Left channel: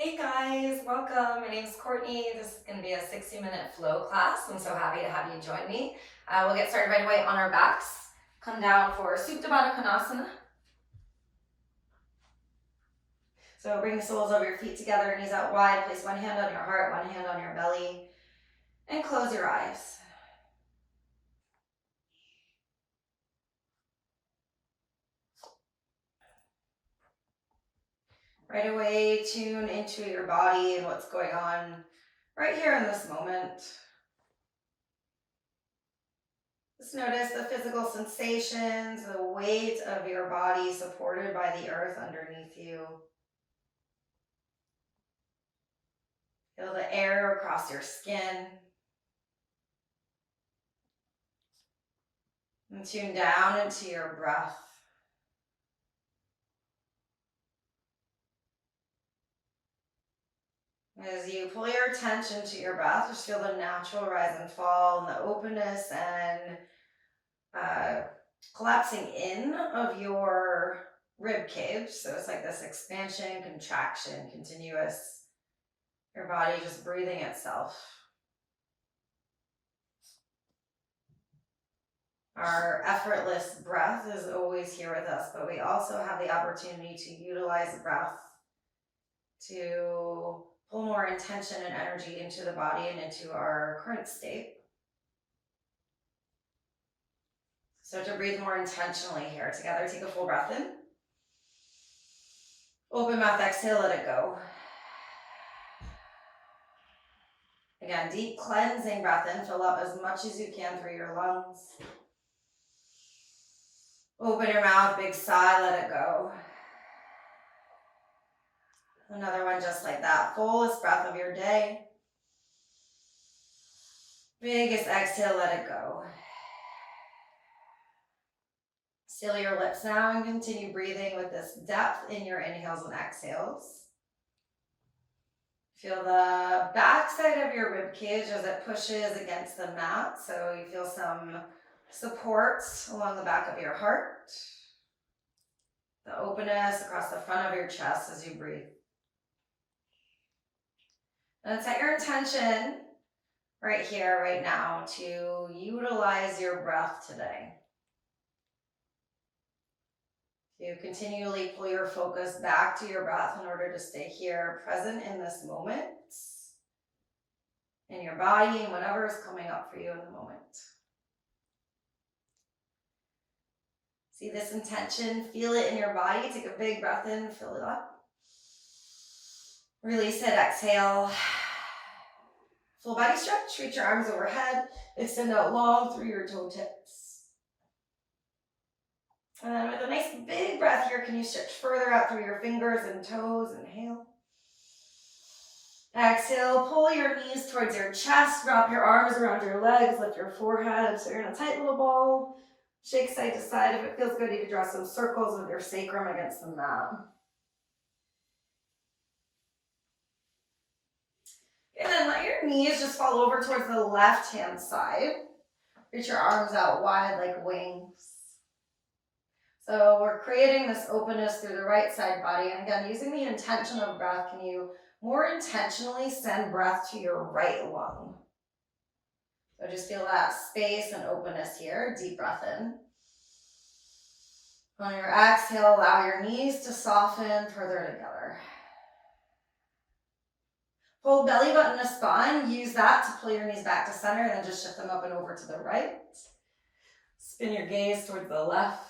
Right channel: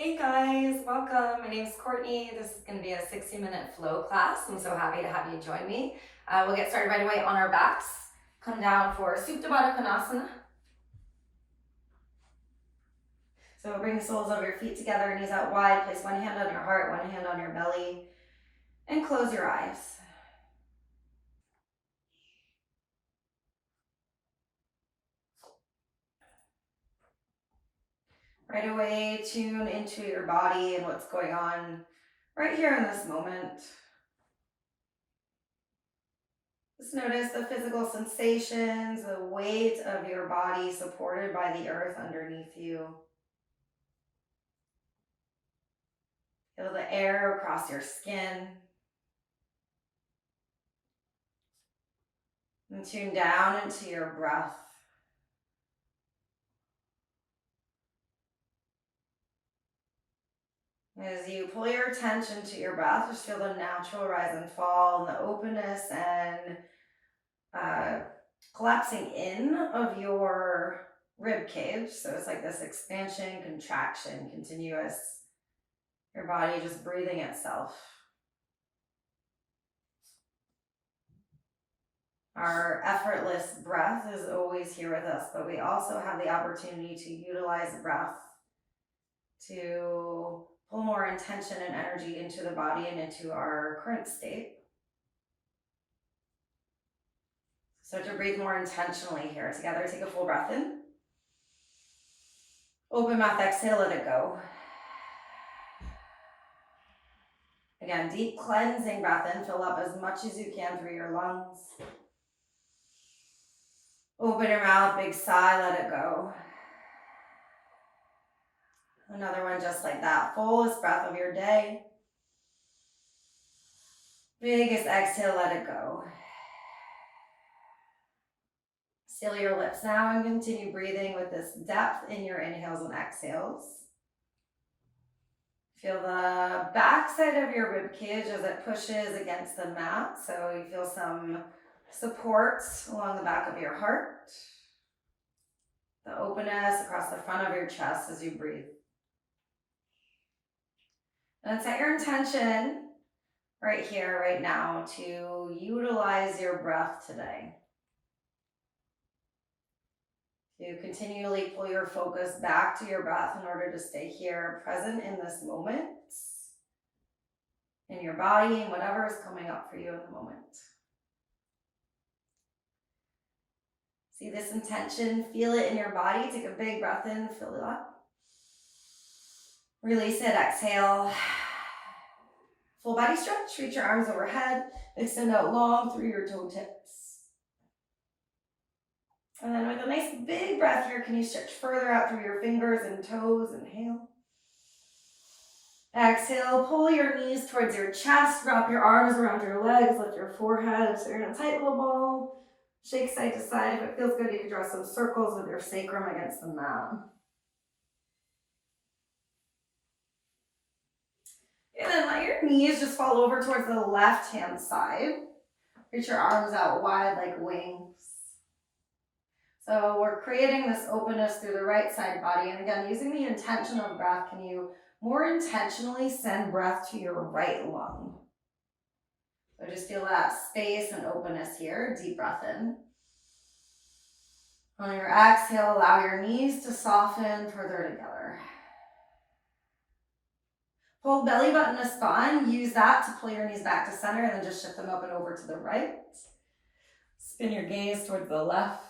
Hey guys, welcome. My name is Courtney. This is going to be a 60-minute flow class. I'm so happy to have you join me. We'll get started right away on our backs. Come down for Supta Baddha Konasana. So bring the soles of your feet together, knees out wide. Place one hand on your heart, one hand on your belly, and close your eyes. Right away, tune into your body and what's going on right here in this moment. Just notice the physical sensations, the weight of your body supported by the earth underneath you. Feel the air across your skin. And tune down into your breath. As you pull your attention to your breath, just feel the natural rise and fall and the openness and collapsing in of your rib cage. So it's like this expansion, contraction, continuous. Your body just breathing itself. Our effortless breath is always here with us, but we also have the opportunity to utilize breath to pull more intention and energy into the body and into our current state. So to breathe more intentionally here together, take a full breath in. Open mouth, exhale, let it go. Again, deep cleansing breath in. Fill up as much as you can through your lungs. Open your mouth, big sigh, let it go. Another one just like that. Fullest breath of your day. Biggest exhale, let it go. Seal your lips now and continue breathing with this depth in your inhales and exhales. Feel the back side of your rib cage as it pushes against the mat. So you feel some support along the back of your heart. The openness across the front of your chest as you breathe. And set your intention right here, right now, to utilize your breath today. You continually pull your focus back to your breath in order to stay here, present in this moment, in your body, and whatever is coming up for you in the moment. See this intention, feel it in your body. Take a big breath in, fill it up. Release it, exhale. Full body stretch, reach your arms overhead, extend out long through your toe tips. And then with a nice big breath here, can you stretch further out through your fingers and toes? Inhale. Exhale, pull your knees towards your chest, wrap your arms around your legs, lift your forehead. So you're in a tight little ball. Shake side to side. If it feels good, you can draw some circles with your sacrum against the mat. And then let your knees just fall over towards the left-hand side. Reach your arms out wide like wings. So we're creating this openness through the right side body. And again, using the intention of breath, can you more intentionally send breath to your right lung? So just feel that space and openness here. Deep breath in. On your exhale, allow your knees to soften further together. Pull belly button to spine. Use that to pull your knees back to center and then just shift them up and over to the right. Spin your gaze towards the left.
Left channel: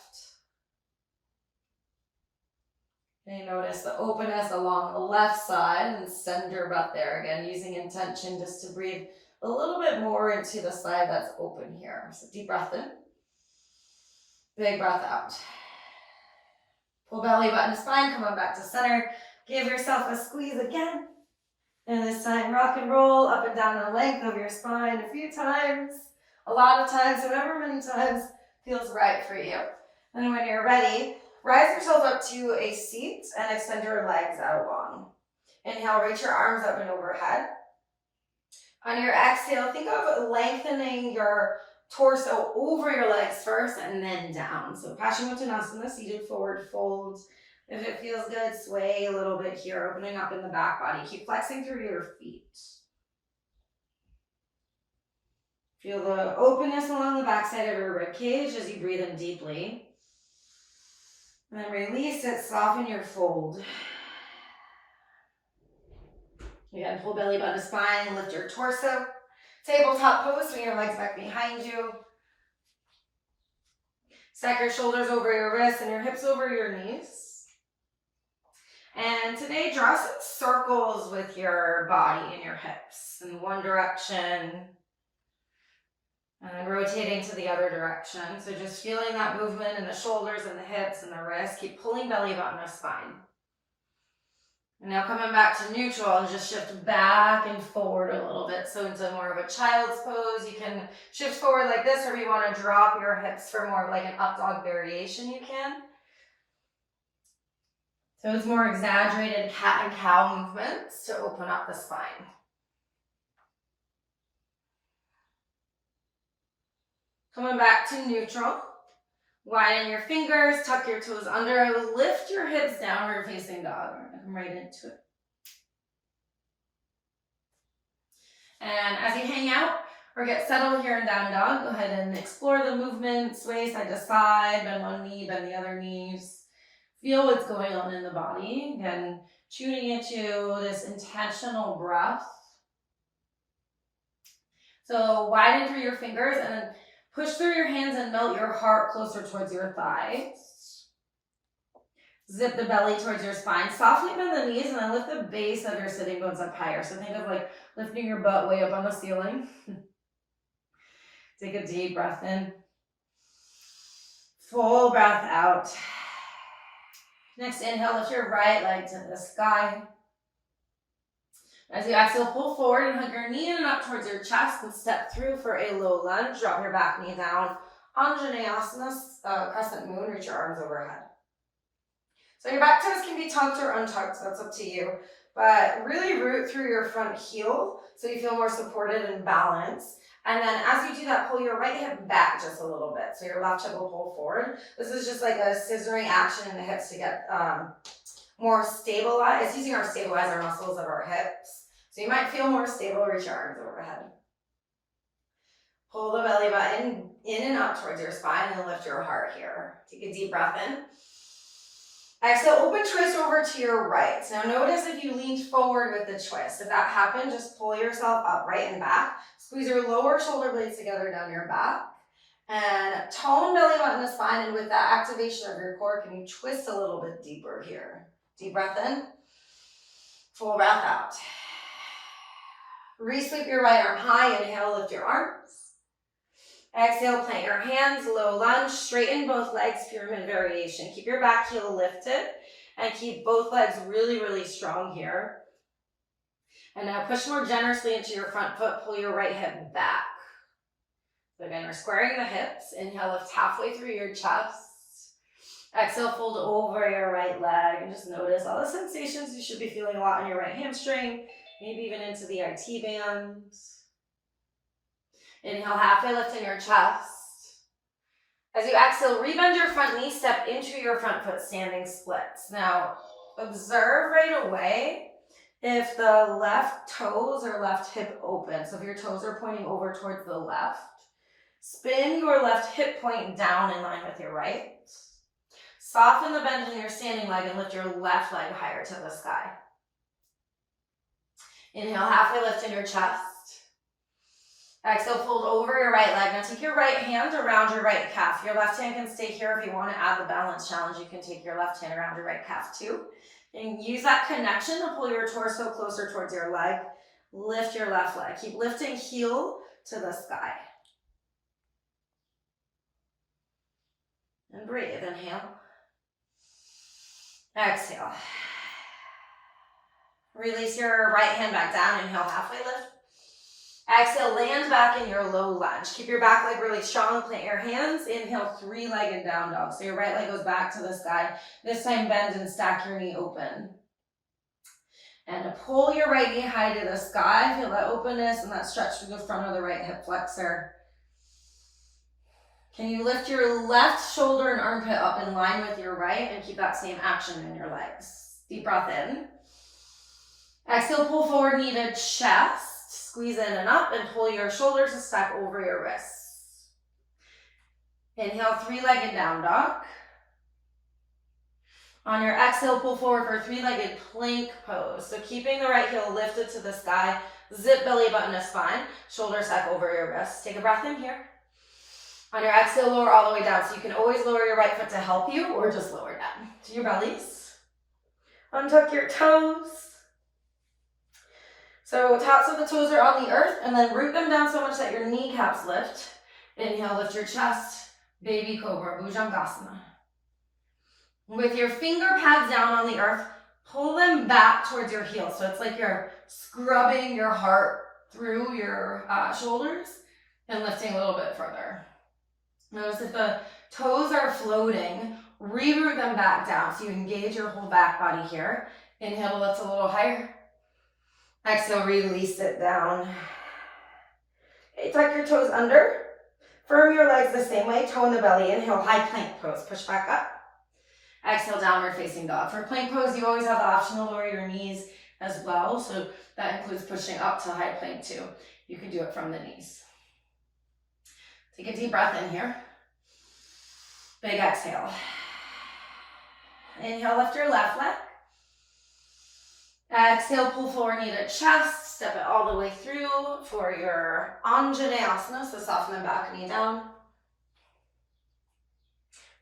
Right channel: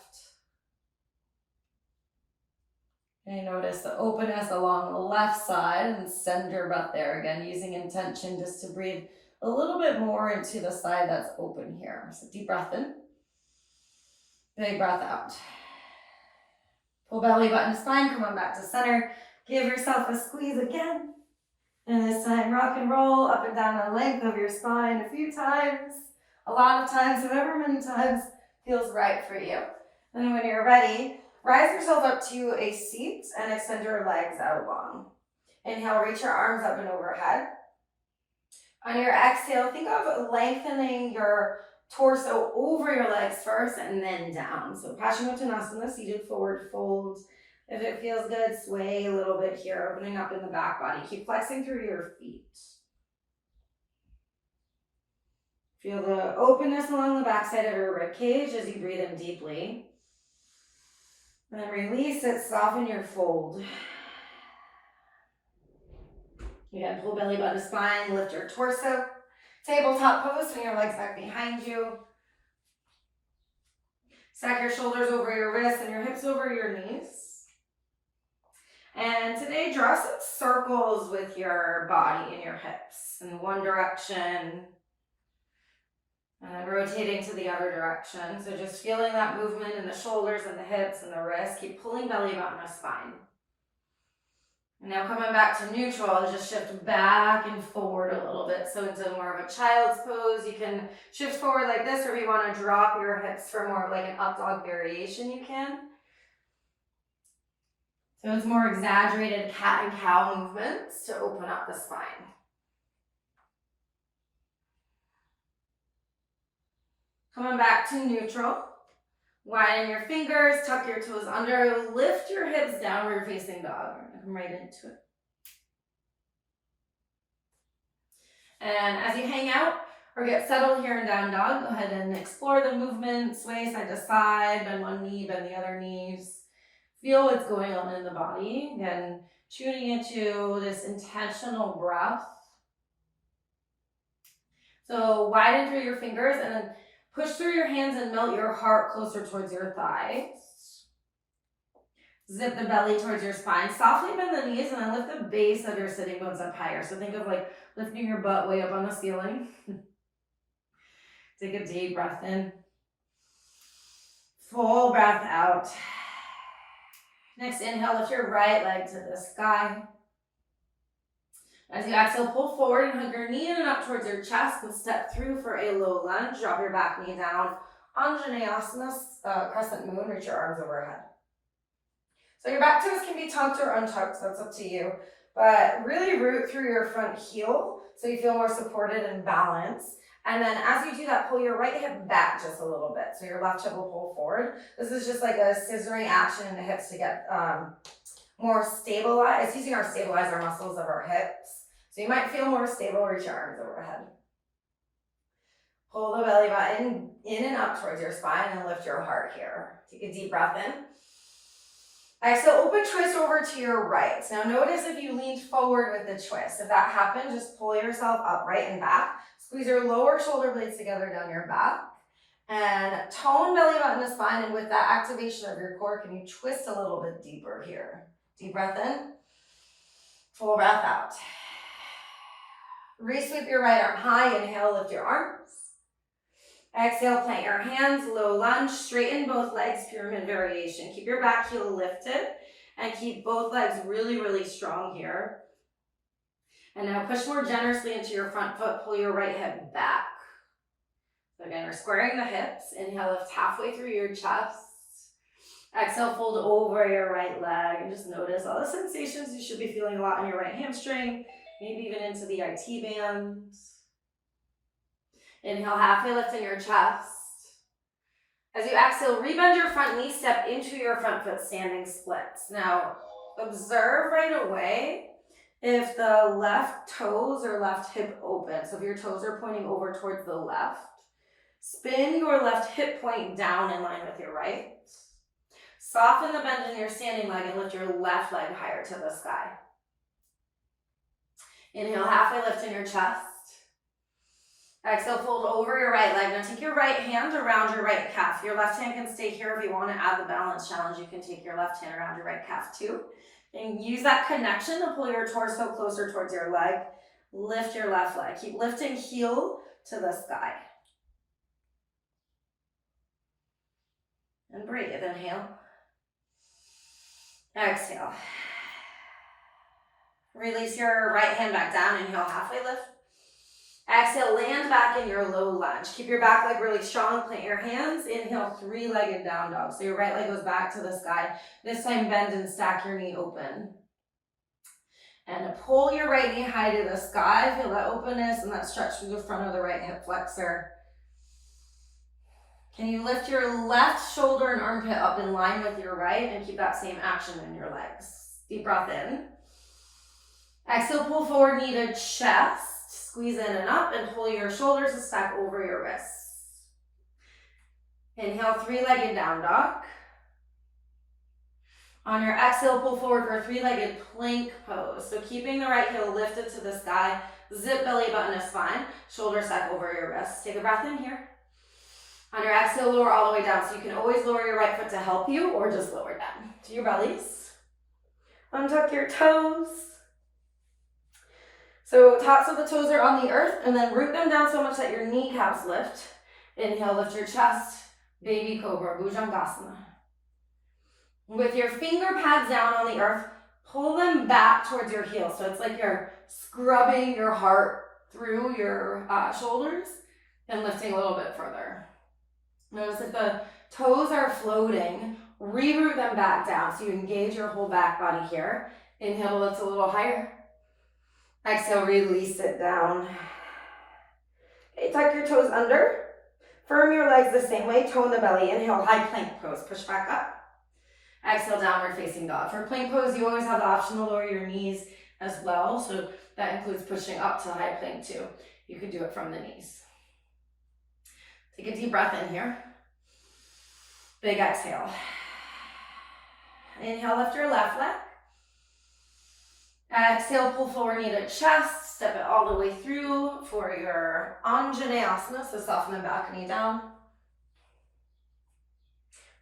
And you notice the openness along the left side and send your breath there. Again, using intention just to breathe a little bit more into the side that's open here. So deep breath in. Big breath out. Pull belly button to spine, come on back to center. Give yourself a squeeze again. And this time, rock and roll up and down the length of your spine a few times. A lot of times, however many times feels right for you. And when you're ready, rise yourself up to a seat and extend your legs out long. Inhale, reach your arms up and overhead. On your exhale, think of lengthening your torso over your legs first and then down. So Paschimottanasana, seated forward fold. If it feels good, sway a little bit here, opening up in the back body. Keep flexing through your feet. Feel the openness along the backside of your rib cage as you breathe in deeply. And then release it, soften your fold. Again, pull belly button to spine, lift your torso. Tabletop pose, swing your legs back behind you. Stack your shoulders over your wrists and your hips over your knees. And today, draw some circles with your body and your hips in one direction. And then rotating to the other direction. So just feeling that movement in the shoulders and the hips and the wrists. Keep pulling belly button to spine. And now coming back to neutral and just shift back and forward a little bit. So into more of a child's pose. You can shift forward like this, or if you want to drop your hips for more of like an up dog variation, you can. So it's more exaggerated cat and cow movements to open up the spine. Coming back to neutral. Widen your fingers, tuck your toes under, lift your hips downward facing dog. Come right into it. And as you hang out or get settled here in down dog, go ahead and explore the movement, sway side to side, bend one knee, bend the other knees. Feel what's going on in the body. Again, tuning into this intentional breath. So widen through your fingers and then push through your hands and melt your heart closer towards your thighs. Zip the belly towards your spine. Softly bend the knees and then lift the base of your sitting bones up higher. So think of like lifting your butt way up on the ceiling. Take a deep breath in. Full breath out. Next inhale, lift your right leg to the sky. As you exhale, pull forward and hug your knee in and up towards your chest and step through for a low lunge. Drop your back knee down. Anjaneyasana, crescent moon, reach your arms overhead. So your back toes can be tucked or untucked, so that's up to you. But really root through your front heel so you feel more supported and balanced. And then as you do that, pull your right hip back just a little bit. So your left hip will pull forward. This is just like a scissoring action in the hips to get more stabilized. It's using our stabilizer muscles of our hips. So you might feel more stable, reach your arms overhead. Pull the belly button in and up towards your spine and lift your heart here. Take a deep breath in. Exhale, open twist over to your right. Now notice if you leaned forward with the twist. If that happened, just pull yourself upright and back. Squeeze your lower shoulder blades together down your back. And tone belly button to spine. And with that activation of your core, can you twist a little bit deeper here? Deep breath in. Full breath out. Re-sweep your right arm high. Inhale, lift your arms. Exhale, plant your hands, low lunge, straighten both legs, pyramid variation. Keep your back heel lifted and keep both legs really, really strong here. And now push more generously into your front foot, pull your right hip back. So again, we're squaring the hips. Inhale, lift halfway through your chest. Exhale, fold over your right leg and just notice all the sensations. You should be feeling a lot in your right hamstring, maybe even into the IT band. Inhale, halfway lift in your chest. As you exhale, rebend your front knee, step into your front foot standing splits. Now, observe right away if the left toes or left hip open. So if your toes are pointing over towards the left, spin your left hip point down in line with your right. Soften the bend in your standing leg and lift your left leg higher to the sky. Inhale, halfway lift in your chest. Exhale, fold over your right leg. Now take your right hand around your right calf. Your left hand can stay here. If you want to add the balance challenge, you can take your left hand around your right calf too. And use that connection to pull your torso closer towards your leg. Lift your left leg. Keep lifting heel to the sky. And breathe. Inhale. Exhale. Release your right hand back down. Inhale, halfway lift. Exhale, land back in your low lunge. Keep your back leg really strong. Plant your hands. Inhale, three-legged down dog. So your right leg goes back to the sky. This time bend and stack your knee open. And pull your right knee high to the sky. Feel that openness and that stretch through the front of the right hip flexor. Can you lift your left shoulder and armpit up in line with your right and keep that same action in your legs? Deep breath in. Exhale, pull forward, knee to chest. Squeeze in and up and pull your shoulders a stack over your wrists. Inhale, three-legged down dog. On your exhale, pull forward for a three-legged plank pose. So keeping the right heel lifted to the sky, zip belly button to spine, shoulder stack over your wrists. Take a breath in here. On your exhale, lower all the way down. So you can always lower your right foot to help you or just lower down to your bellies. Untuck your toes. So tops of the toes are on the earth and then root them down so much that your kneecaps lift. Inhale, lift your chest, baby cobra, Bhujangasana. With your finger pads down on the earth, pull them back towards your heels. So it's like you're scrubbing your heart through your shoulders and lifting a little bit further. Notice if the toes are floating, reroot them back down so you engage your whole back body here. Inhale, lift a little higher. Exhale, release it down. Okay, tuck your toes under. Firm your legs the same way, toe in the belly. Inhale, high plank pose, push back up. Exhale, downward facing dog. For plank pose, you always have the option to lower your knees as well. So that includes pushing up to high plank too. You can do it from the knees. Take a deep breath in here. Big exhale. Inhale, lift your left leg. Exhale, pull forward, knee to chest. Step it all the way through for your Anjaneyasana. So soften the back knee down.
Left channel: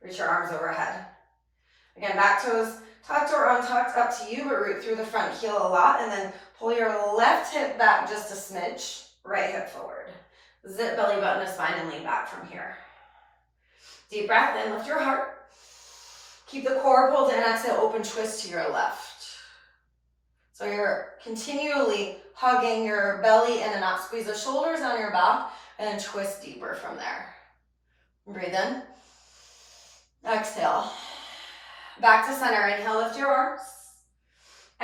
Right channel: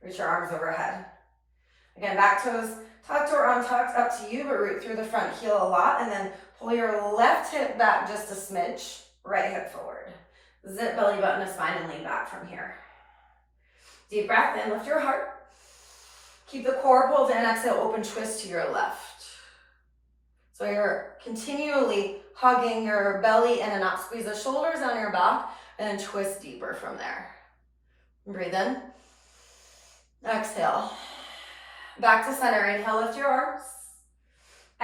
Reach your arms overhead. Again, back toes tucked or untucked, up to you, but root through the front heel a lot. And then pull your left hip back just a smidge. Right hip forward. Zip belly button to spine and lean back from here. Deep breath in, lift your heart. Keep the core pulled in, exhale, open twist to your left. So you're continually hugging your belly in and up. Squeeze the shoulders on your back and then twist deeper from there. Breathe in. Exhale. Back to center. Inhale, lift your arms.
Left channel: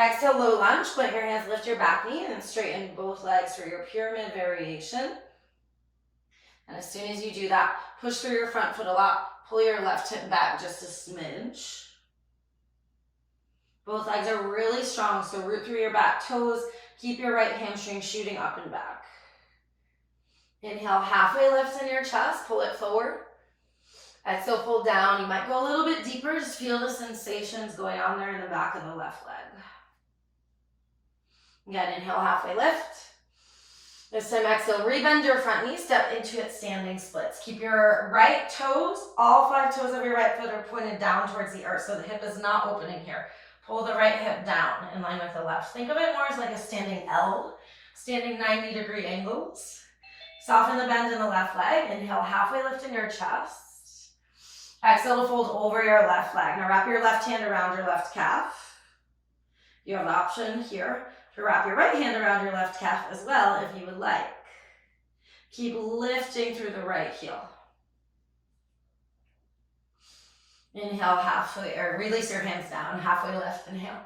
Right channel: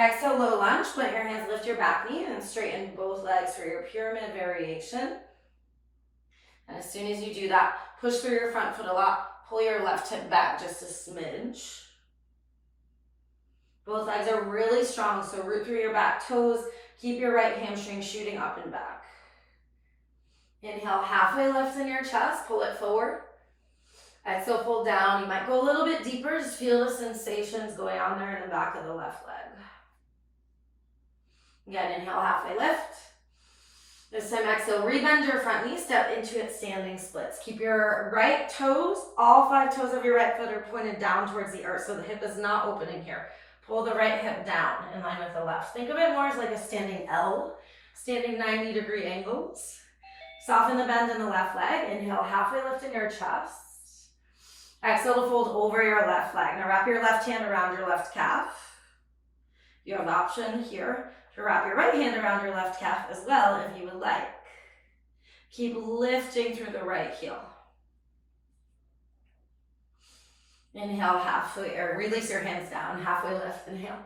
Exhale, low lunge. Plant your hands, lift your back knee, and straighten both legs for your pyramid variation. And as soon as you do that, push through your front foot a lot. Pull your left hip back just a smidge. Both legs are really strong, so root through your back toes. Keep your right hamstring shooting up and back. Inhale, halfway lift in your chest. Pull it forward. Exhale, pull down. You might go a little bit deeper. Just feel the sensations going on there in the back of the left leg. Again, inhale, halfway lift. This time, exhale, rebend your front knee, step into it, standing splits. Keep your right toes, all 5 toes of your right foot are pointed down towards the earth, so the hip is not opening here. Pull the right hip down in line with the left. Think of it more as like a standing L, standing 90-degree angles. Soften the bend in the left leg. Inhale, halfway lift in your chest. Exhale to fold over your left leg. Now wrap your left hand around your left calf. You have the option here to wrap your right hand around your left calf as well if you would like. Keep lifting through the right heel. Inhale, halfway, or release your hands down, halfway lift, inhale.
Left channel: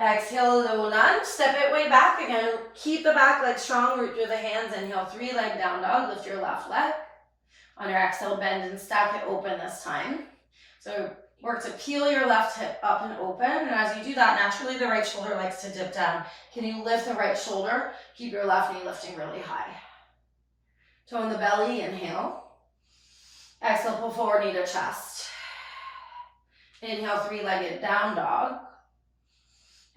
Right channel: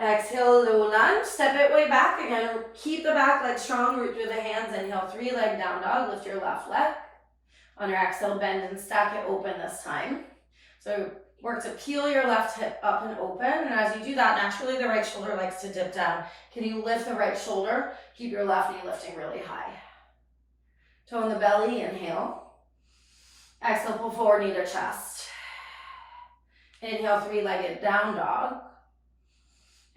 Exhale, low lunge, step it way back. Again, keep the back leg strong, root through the hands. Inhale, 3-leg down dog, lift your left leg. On your exhale, bend and stack it open this time. So work to peel your left hip up and open. And as you do that, naturally the right shoulder likes to dip down. Can you lift the right shoulder? Keep your left knee lifting really high. Toe in the belly, inhale. Exhale, pull forward, knee to chest. Inhale, 3-legged down dog.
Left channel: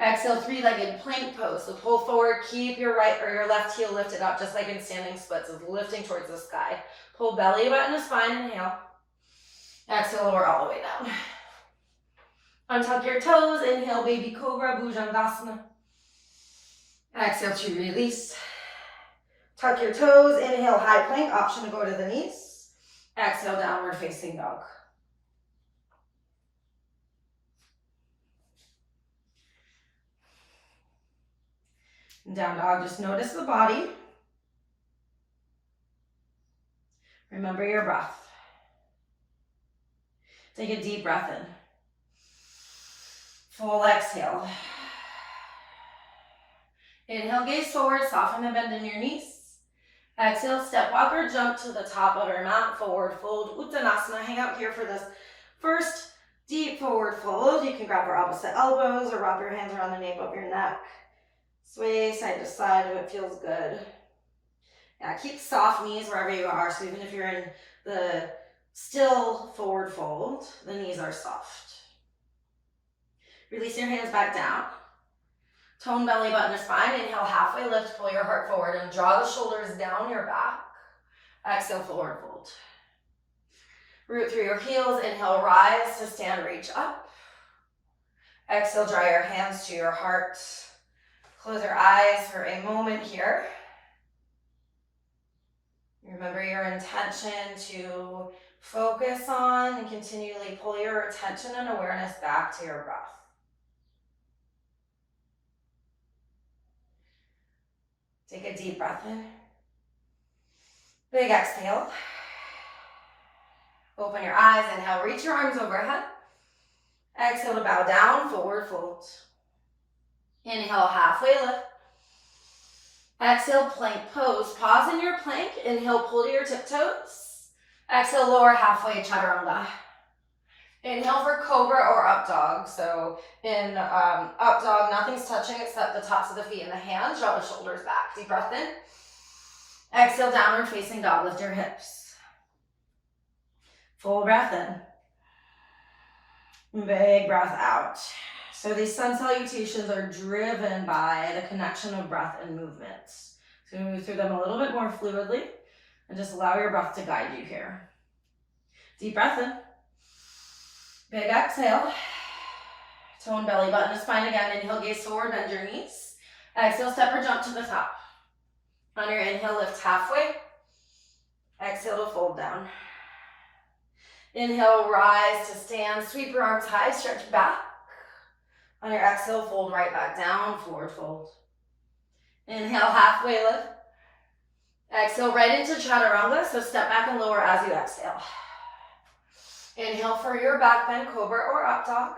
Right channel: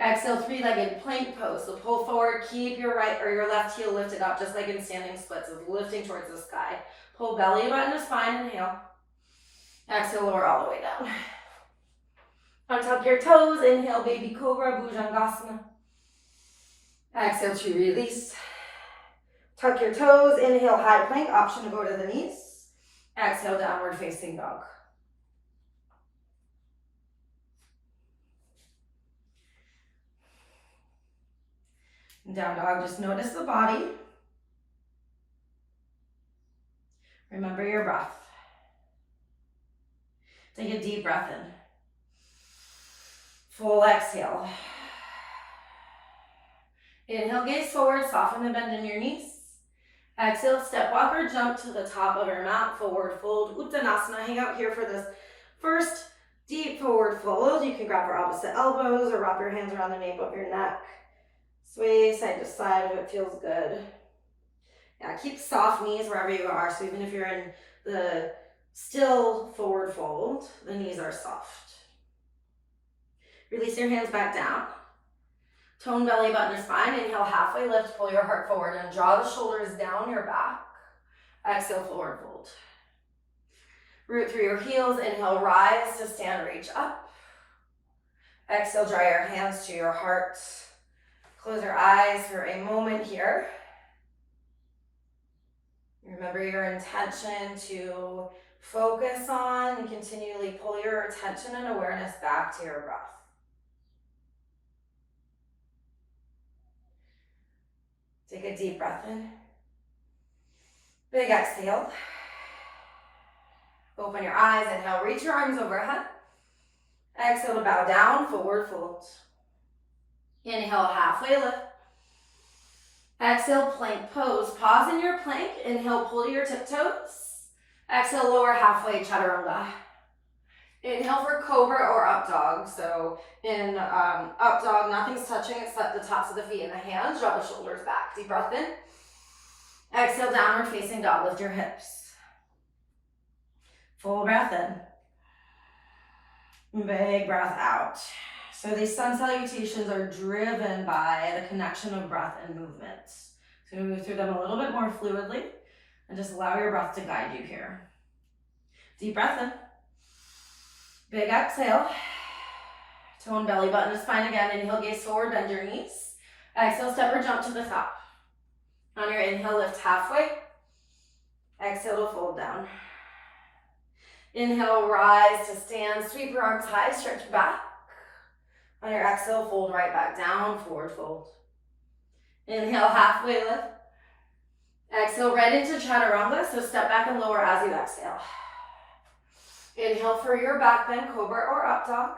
Exhale, 3-legged plank pose. So pull forward, keep your right or your left heel lifted up, just like in standing splits, so lifting towards the sky. Pull belly button to spine, inhale. Exhale, lower all the way down. Untuck your toes, inhale, baby cobra, Bhujangasana. Exhale to release. Tuck your toes, inhale, high plank, option to go to the knees. Exhale, downward facing dog. Down dog, just notice the body. Remember your breath. Take a deep breath in. Full exhale. Inhale, gaze forward, soften the bend in your knees. Exhale, step walk or jump to the top of your mat, forward fold, Uttanasana. Hang out here for this first deep forward fold. You can grab your opposite elbows or wrap your hands around the nape of your neck. Sway side to side if it feels good. Yeah, keep soft knees wherever you are. So even if you're in the still forward fold, the knees are soft. Release your hands back down. Tone belly button to spine. Inhale, halfway lift, pull your heart forward and draw the shoulders down your back. Exhale, forward fold. Root through your heels. Inhale, rise to stand, reach up. Exhale, draw your hands to your heart. Close your eyes for a moment here. Remember your intention to focus on and continually pull your attention and awareness back to your breath. Take a deep breath in. Big exhale. Open your eyes. Inhale, reach your arms overhead. Exhale to bow down, forward fold. Inhale, halfway lift. Exhale, plank pose. Pause in your plank. Inhale, pull to your tiptoes. Exhale, lower halfway, chaturanga. Inhale for cobra or up dog. So in up dog, nothing's touching except the tops of the feet and the hands. Draw the shoulders back. Deep breath in. Exhale, downward facing dog. Lift your hips. Full breath in. Big breath out. So these sun salutations are driven by the connection of breath and movement. So move through them a little bit more fluidly and just allow your breath to guide you here. Deep breath in. Big exhale. Tone belly button to spine again. Inhale, gaze forward, bend your knees. Exhale, step or jump to the top. On your inhale, lift halfway. Exhale to fold down. Inhale, rise to stand. Sweep your arms high, stretch back. On your exhale, fold right back down, forward fold. Inhale, halfway lift. Exhale, right into chaturanga, so step back and lower as you exhale. Inhale for your back bend, cobra or up dog.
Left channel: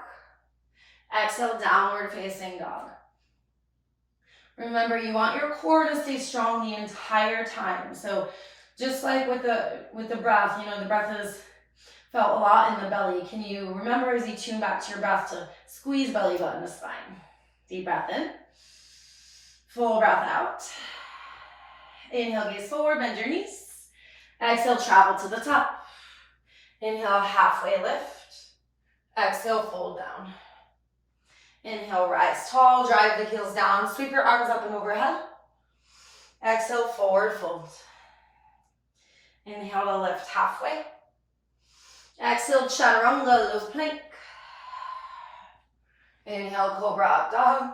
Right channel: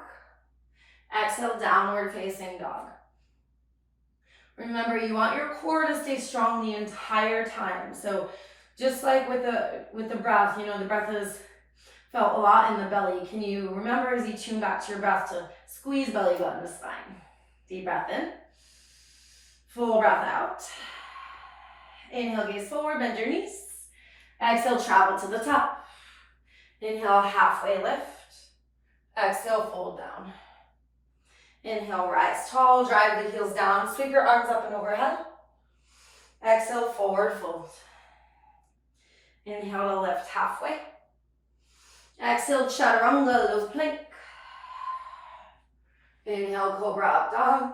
Exhale, downward facing dog. Remember, you want your core to stay strong the entire time. So just like with the breath, you know, the breath is felt a lot in the belly. Can you remember as you tune back to your breath to squeeze belly button to spine? Deep breath in. Full breath out. Inhale, gaze forward, bend your knees. Exhale, travel to the top. Inhale, halfway lift. Exhale, fold down. Inhale, rise tall, drive the heels down, sweep your arms up and overhead. Exhale, forward fold. Inhale to lift halfway. Exhale, chaturanga, low plank. Inhale, cobra up dog.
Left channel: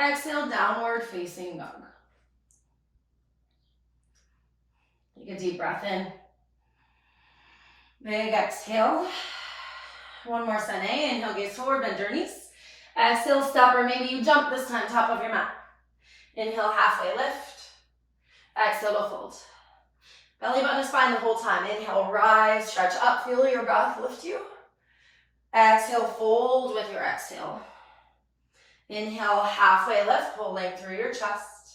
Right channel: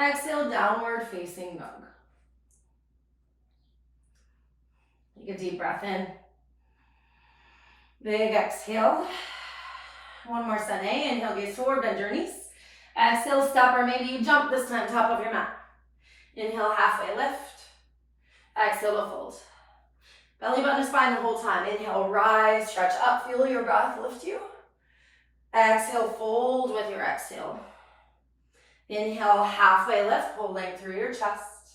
Exhale, downward facing dog. Take a deep breath in. Big exhale. One more sane. Inhale, gaze forward, bend your knees. Exhale, step, or maybe you jump this time, top of your mat. Inhale, halfway lift. Exhale to fold. Belly button to spine the whole time. Inhale, rise, stretch up, feel your breath lift you. Exhale, fold with your exhale. Inhale, halfway lift, pulling through your chest.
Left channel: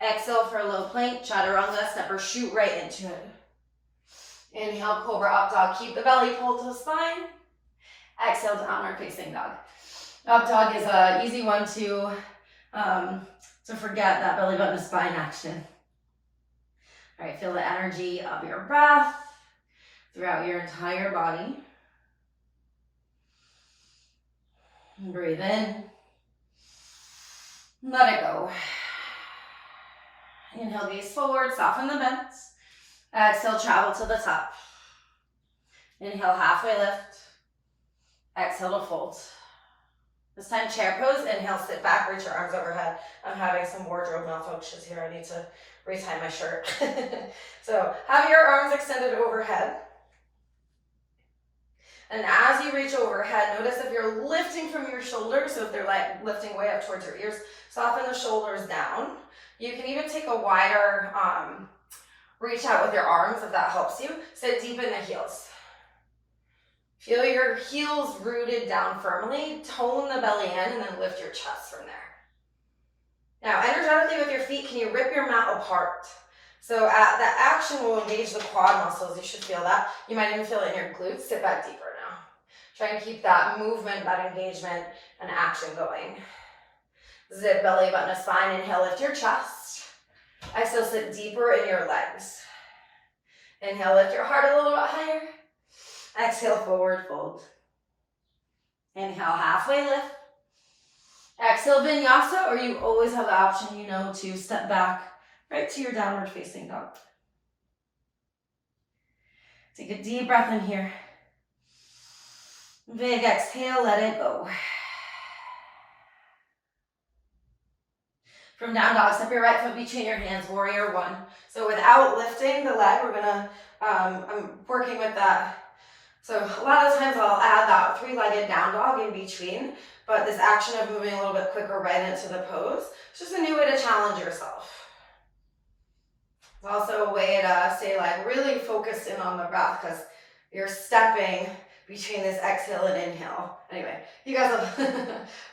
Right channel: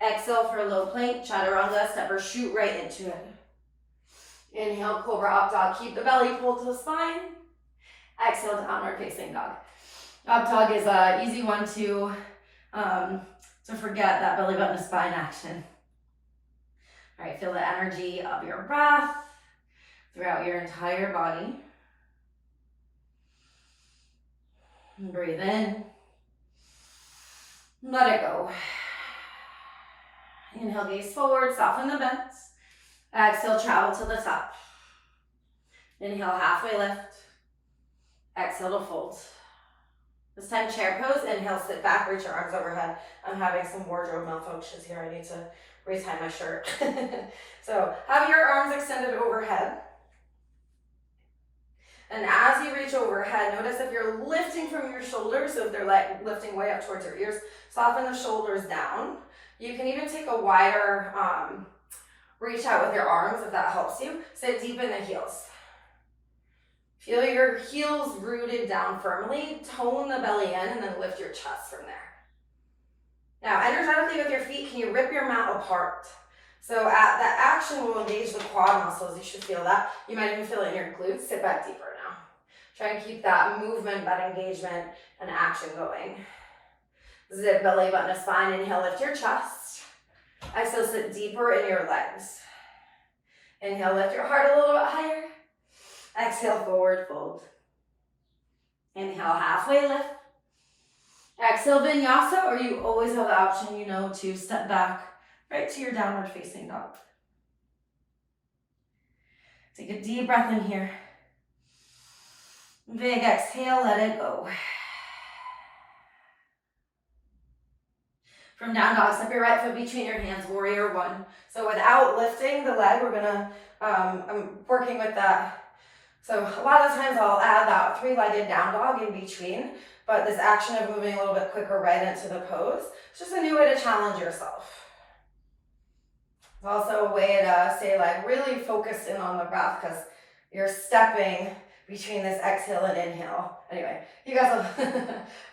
Exhale for low plank, chaturanga, step or shoot right into it. Inhale, cobra up dog, keep the belly pulled to the spine. Exhale, downward facing dog. Up dog is an easy one to forget, that belly button to spine action. All right, feel the energy of your breath throughout your entire body. Breathe in. Let it go. Inhale, gaze forward, soften the bends. Exhale, travel to the top. Inhale, halfway lift. Exhale to fold. This time, chair pose. Inhale, sit back, reach your arms overhead. I'm having some wardrobe malfunctions here. I need to retie my shirt. So have your arms extended overhead. And as you reach overhead, notice if you're lifting from your shoulders, so if they're like lifting way up towards your ears, soften the shoulders down. You can even take a wider reach out with your arms if that helps you. Sit deep in the heels. Feel your heels rooted down firmly. Tone the belly in and then lift your chest from there. Now, energetically with your feet, can you rip your mat apart? So that action will engage the quad muscles. You should feel that. You might even feel it in your glutes. Sit back deeper now. Try and keep that movement, that engagement, and action going. Zip belly button to spine. Inhale, lift your chest. Exhale, sit deeper in your legs. Inhale, lift your heart a little bit higher. Exhale, forward fold. Inhale, halfway lift. Exhale, Vinyasa, or you always have the option, to step back right to your downward facing dog. Take a deep breath in here. Big exhale, let it go. From down dog, step your right foot between your hands, warrior one. So without lifting the leg, I'm working with that. So a lot of times I'll add that three-legged down dog in between, but this action of moving a little bit quicker right into the pose, it's just a new way to challenge yourself. It's also a way to stay really focused in on the breath because you're stepping between this exhale and inhale. Anyway, you guys will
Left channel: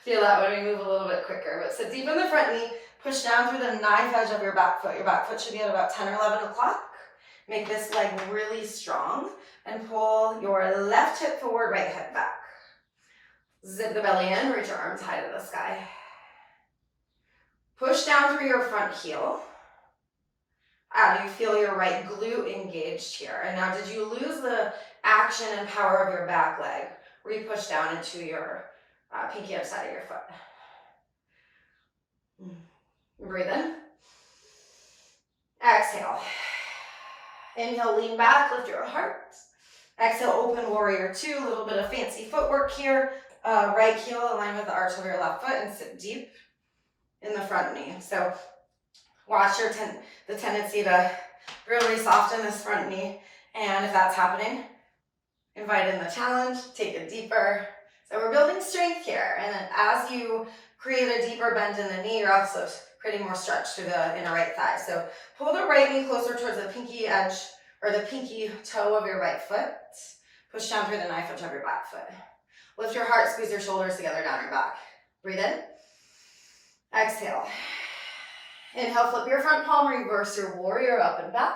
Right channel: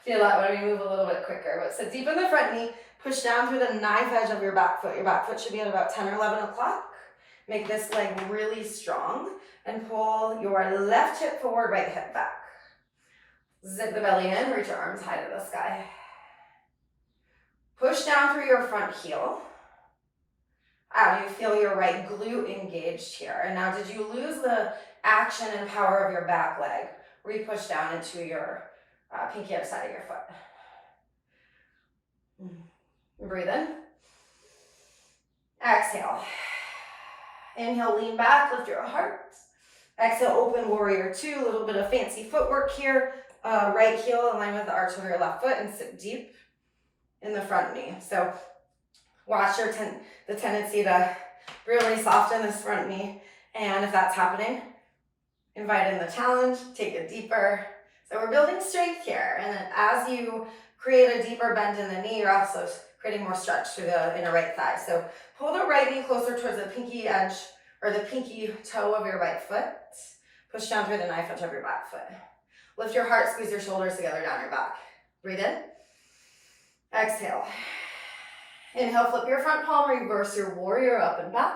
feel that when we move a little bit quicker. But sit deep in the front knee, push down through the knife edge of your back foot. Your back foot should be at about 10 or 11 o'clock. Make this leg really strong and pull your left hip forward, right hip back. Zip the belly in, reach your arms high to the sky. Push down through your front heel. You feel your right glute engaged here. And now, did you lose the action and power of your back leg where you push down into your pinky outside of your foot? Breathe in. Exhale. Inhale, lean back, lift your heart. Exhale, open warrior two, a little bit of fancy footwork here. Right heel align with the arch of your left foot and sit deep in the front knee. So watch the tendency to really soften this front knee. And if that's happening, invite in the challenge, take it deeper. So we're building strength here. And then as you create a deeper bend in the knee, you're also creating more stretch through the inner right thigh. So pull the right knee closer towards the pinky edge or the pinky toe of your right foot. Push down through the knife edge of your back foot. Lift your heart, squeeze your shoulders together down your back. Breathe in. Exhale. Inhale, flip your front palm, reverse your warrior up and back.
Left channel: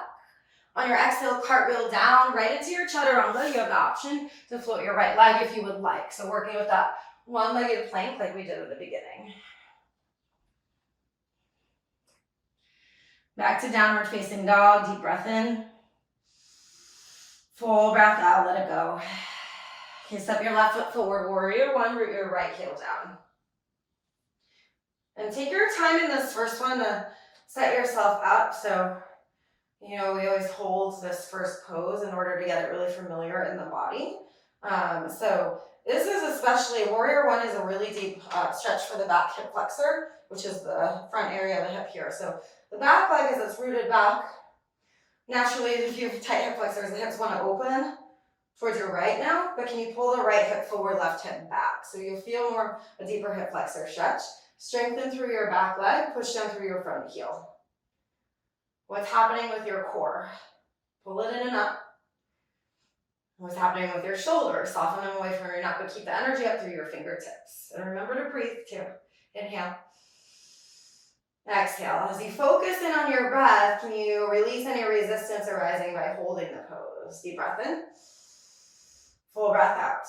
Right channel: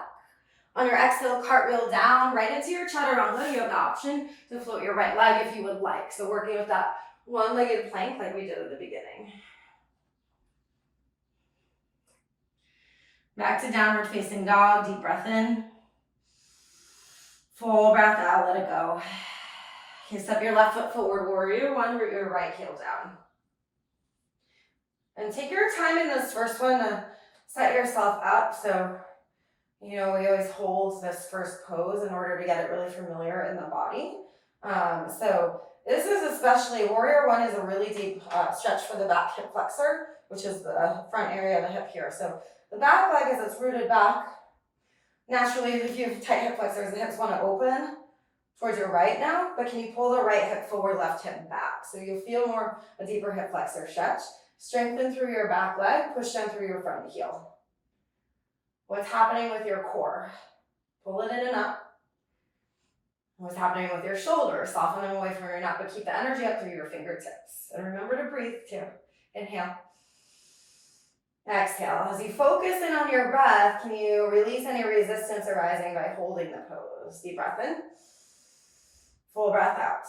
On your exhale, cartwheel down right into your chaturanga. You have the option to float your right leg if you would like. So working with that one-legged plank like we did at the beginning. Back to downward facing dog, deep breath in. Full breath out, let it go. Okay, step your left foot forward, warrior one, root your right heel down. And take your time in this first one to set yourself up. So, we always hold this first pose in order to get it really familiar in the body. So this is especially, warrior one is a really deep stretch for the back hip flexor, which is the front area of the hip here. So the back leg, as it's rooted back, naturally, if you have tight hip flexors, the hips want to open towards your right now, but can you pull the right hip forward, left hip back? So you'll feel a deeper hip flexor stretch. Strengthen through your back leg, push down through your front heel. What's happening with your core? Pull it in and up. What's happening with your shoulders? Soften them away from your neck, but keep the energy up through your fingertips. And remember to breathe too. Inhale. Exhale. As you focus in on your breath, can you release any resistance arising by holding the pose? Deep breath in. Full breath out.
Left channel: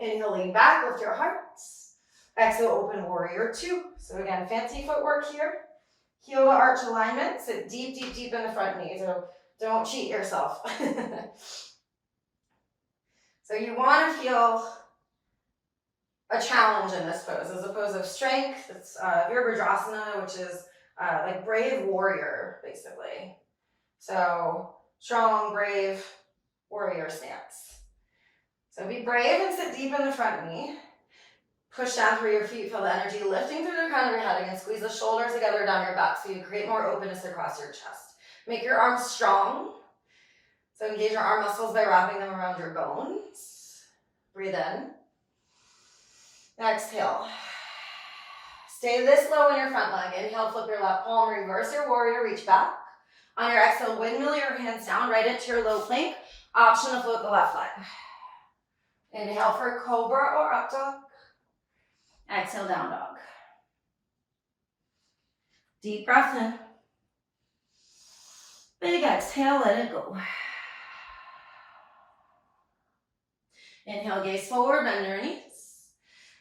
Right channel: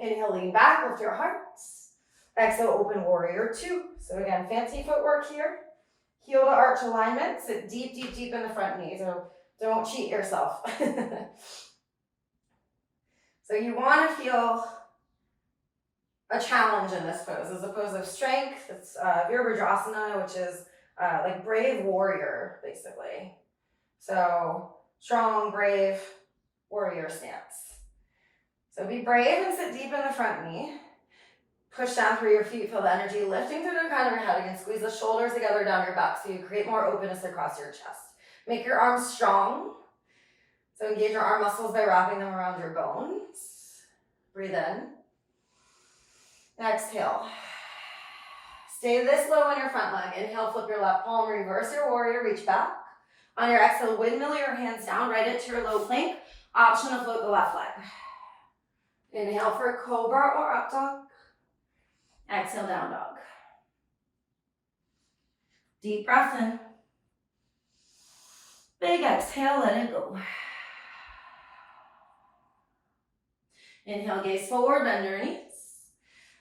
Inhale, lean back, lift your heart. Exhale, open warrior two. So again, fancy footwork here. Heel to arch alignment. Sit deep, deep, deep in the front knee. So don't cheat yourself. So you want to feel a challenge in this pose. As a pose of strength, it's Virabhadrasana, which is like brave warrior, basically. So strong, brave warrior stance. So be brave and sit deep in the front knee. Push down through your feet, feel the energy lifting through the crown of your head. Again, squeeze the shoulders together down your back so you create more openness across your chest. Make your arms strong. So engage your arm muscles by wrapping them around your bones. Breathe in. Exhale. Stay this low on your front leg. Inhale, flip your left palm, reverse your warrior, reach back. On your exhale, windmill your hands down right into your low plank. Option to float the left leg. Inhale for cobra or up dog. Exhale, down dog. Deep breath in. Big exhale, let it go. Inhale, gaze forward, bend your knees.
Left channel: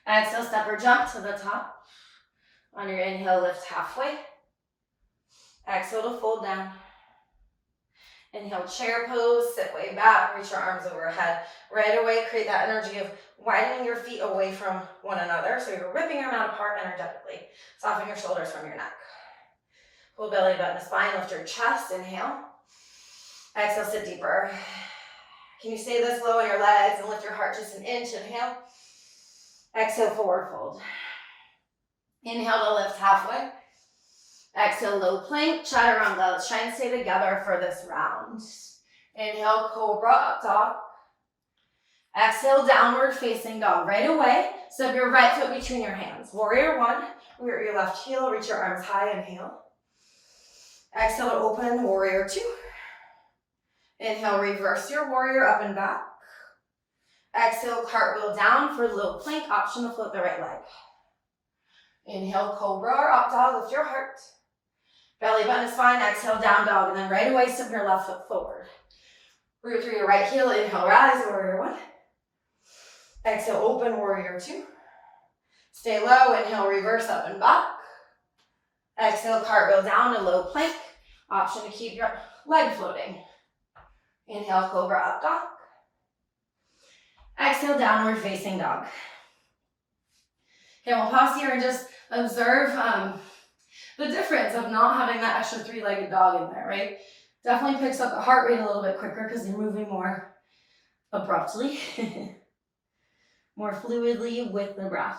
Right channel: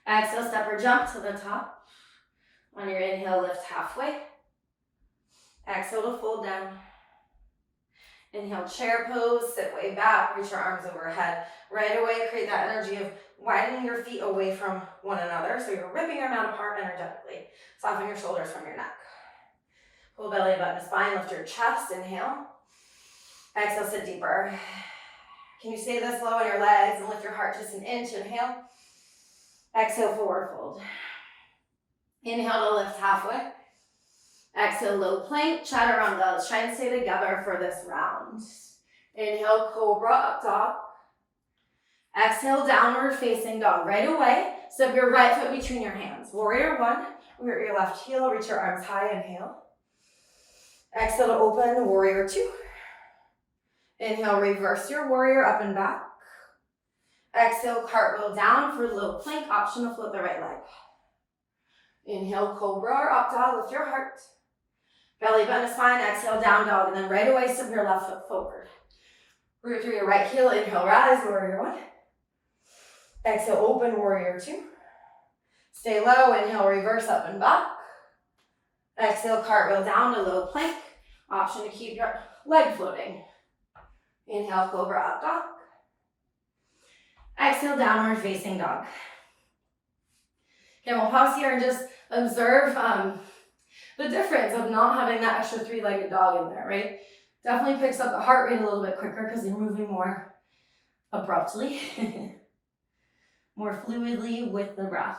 Exhale, step or jump to the top. On your inhale, lift halfway. Exhale to fold down. Inhale, chair pose, sit way back, reach your arms overhead. Right away, create that energy of widening your feet away from one another. So you're ripping your mat apart energetically. Soften your shoulders from your neck. Pull belly button to spine, lift your chest, inhale. Exhale, sit deeper. Can you stay this low on your legs and lift your heart just an inch? Inhale. Exhale, forward fold. Inhale to lift halfway. Exhale, low plank, chaturanga. Let's try and stay together for this round. Inhale, cobra, up dog. Exhale, downward facing dog. Right away, step your right foot between your hands. Warrior one, root your left heel, reach your arms high, inhale. Exhale to open, warrior two. Inhale, reverse your warrior up and back. Exhale, cartwheel down for low plank, option to float the right leg. Inhale, cobra or up dog, lift your heart. Belly button to spine, exhale, down dog, and then right away, step your left foot forward. Root through your right heel, inhale, rise, warrior one. Exhale, open, warrior two. Stay low, inhale, reverse up and back. Exhale, cartwheel down to low plank. Option to keep your leg floating. Inhale, cobra, up dog. Exhale, downward facing dog. Okay, we'll pause here and just observe the difference of not having that extra three-legged dog in there, right? Definitely picks up the heart rate a little bit quicker because you're moving more abruptly, more fluidly with the breath.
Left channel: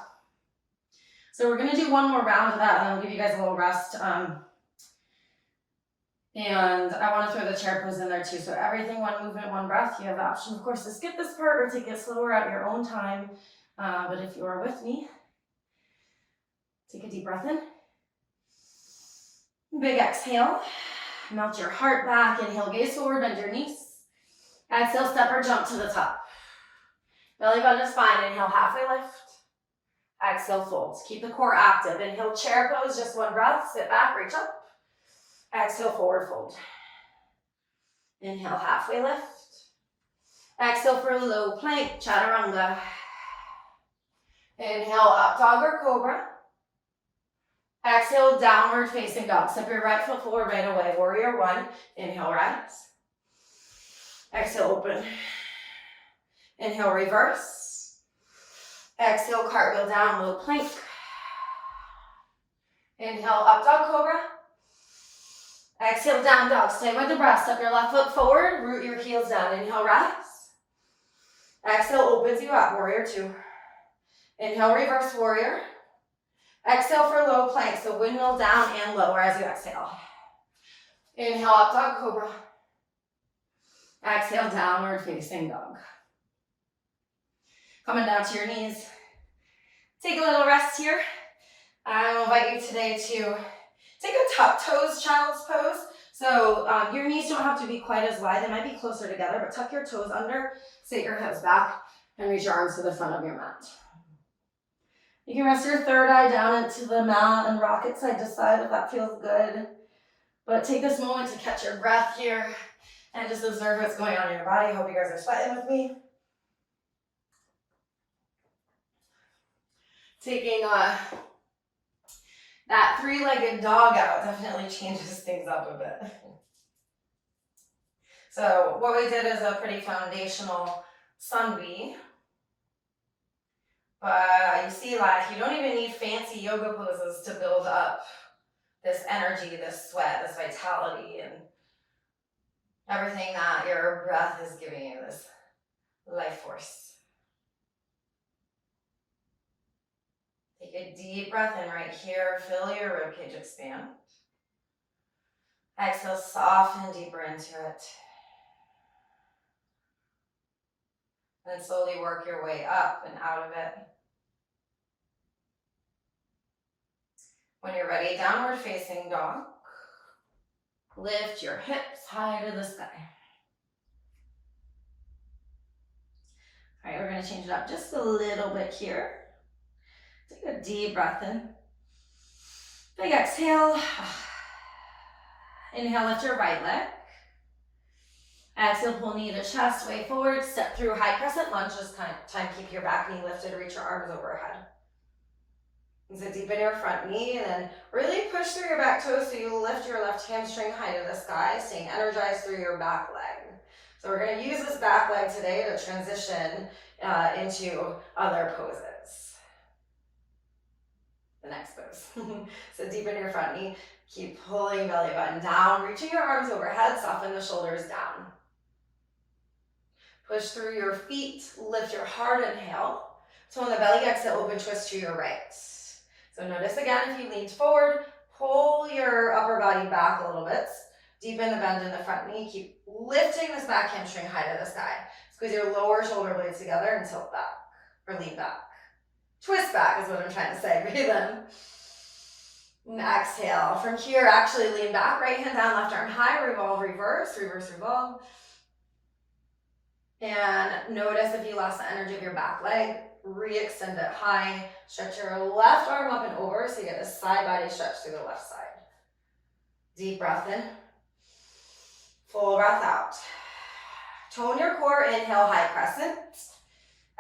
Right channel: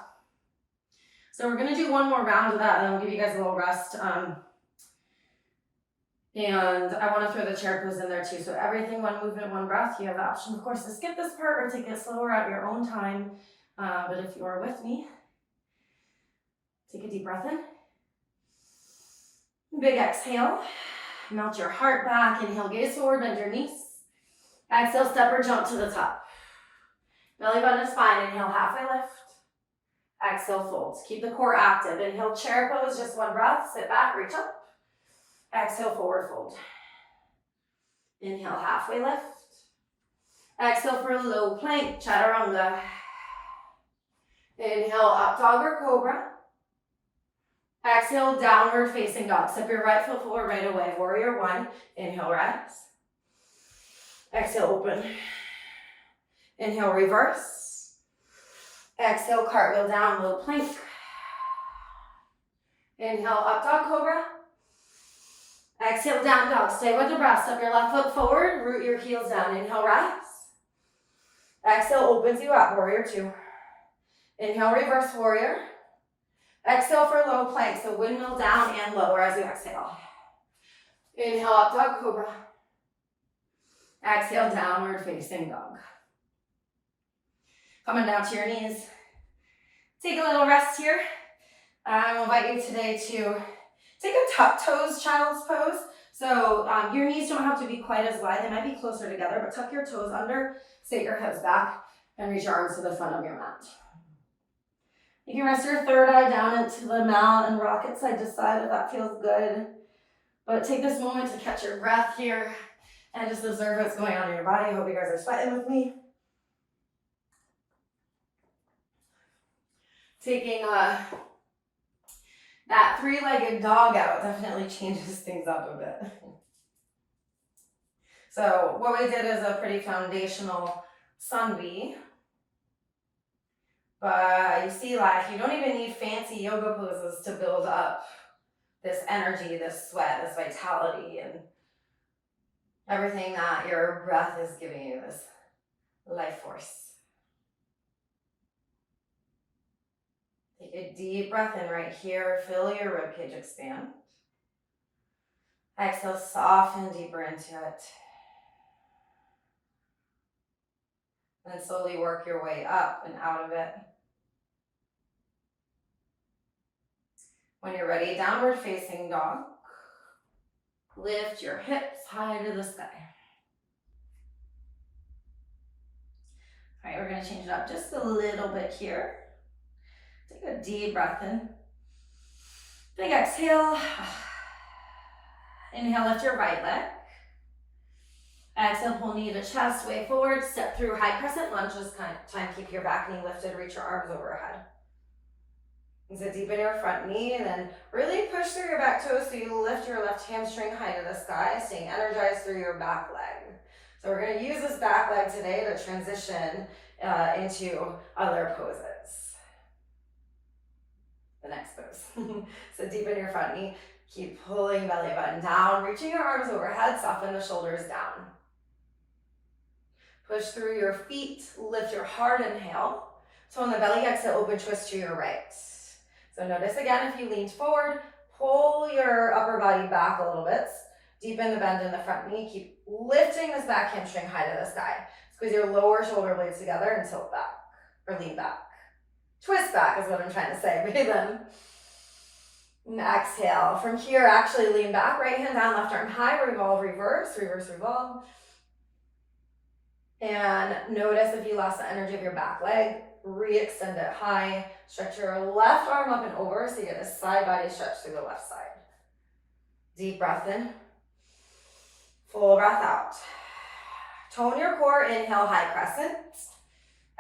So we're gonna do one more round of that and then we'll give you guys a little rest. And I wanna throw the chair pose in there too. So everything, one movement, one breath. You have the option, of course, to skip this part or take it slower at your own time. But if you are with me, take a deep breath in. Big exhale. Melt your heart back. Inhale, gaze forward, bend your knees. Exhale, step or jump to the top. Belly button to spine. Inhale, halfway lift. Exhale, fold. Keep the core active. Inhale, chair pose, just one breath. Sit back, reach up. Exhale, forward fold. Inhale, halfway lift. Exhale for low plank, chaturanga. Inhale, up dog or cobra. Exhale, downward facing dog. Step your right foot forward right away. Warrior one. Inhale, rise. Exhale, open. Inhale, reverse. Exhale, cartwheel down, low plank. Inhale, up dog, cobra. Exhale, down dog. Stay with the breath. Step your left foot forward. Root your heels down. Inhale, rise. Exhale, opens you up. Warrior two. Inhale, reverse warrior. Exhale for low plank. So windmill down and lower as you exhale. Inhale, up dog, cobra. Exhale, downward facing dog. Coming down to your knees. Take a little rest here. I will invite you today to take a tuck toes child's pose. So your knees don't have to be quite as wide. They might be closer together, but tuck your toes under, sit your hips back, and reach your arms to the front of your mat. You can rest your third eye down into the mat and rock it side to side if that feels good. But take this moment to catch your breath here and just observe what's going on in your body. Hope you guys are sweating with me. Taking that three-legged dog out definitely changes things up a bit. So what we did is a pretty foundational sun V. But you see, like, you don't even need fancy yoga poses to build up this energy, this sweat, this vitality, and everything that your breath is giving you, this life force. Take a deep breath in right here. Feel your ribcage expand. Exhale, soften deeper into it. And slowly work your way up and out of it. When you're ready, downward facing dog. Lift your hips high to the sky. All right, we're gonna change it up just a little bit here. Take a deep breath in. Big exhale. Inhale, lift your right leg. Exhale, pull knee to chest, way forward, step through high crescent lunge. This time, keep your back knee lifted, reach your arms overhead. And so deepen your front knee and then really push through your back toes so you lift your left hamstring high to the sky, staying energized through your back leg. So we're gonna use this back leg today to transition into other poses. The next pose. So deepen your front knee, keep pulling belly button down, reaching your arms overhead, soften the shoulders down. Push through your feet, lift your heart, inhale. So on the belly, exhale, open twist to your right. So notice again, if you leaned forward, pull your upper body back a little bit. Deepen the bend in the front knee. Keep lifting this back hamstring high to the sky. Squeeze your lower shoulder blades together and tilt back, or lean back. Twist back is what I'm trying to say. Breathe in. And exhale. From here, actually lean back, right hand down, left arm high, revolve, reverse, reverse, revolve. And notice if you lost the energy of your back leg, re-extend it high. Stretch your left arm up and over so you get a side body stretch through the left side. Deep breath in. Full breath out. Tone your core, inhale, high crescent.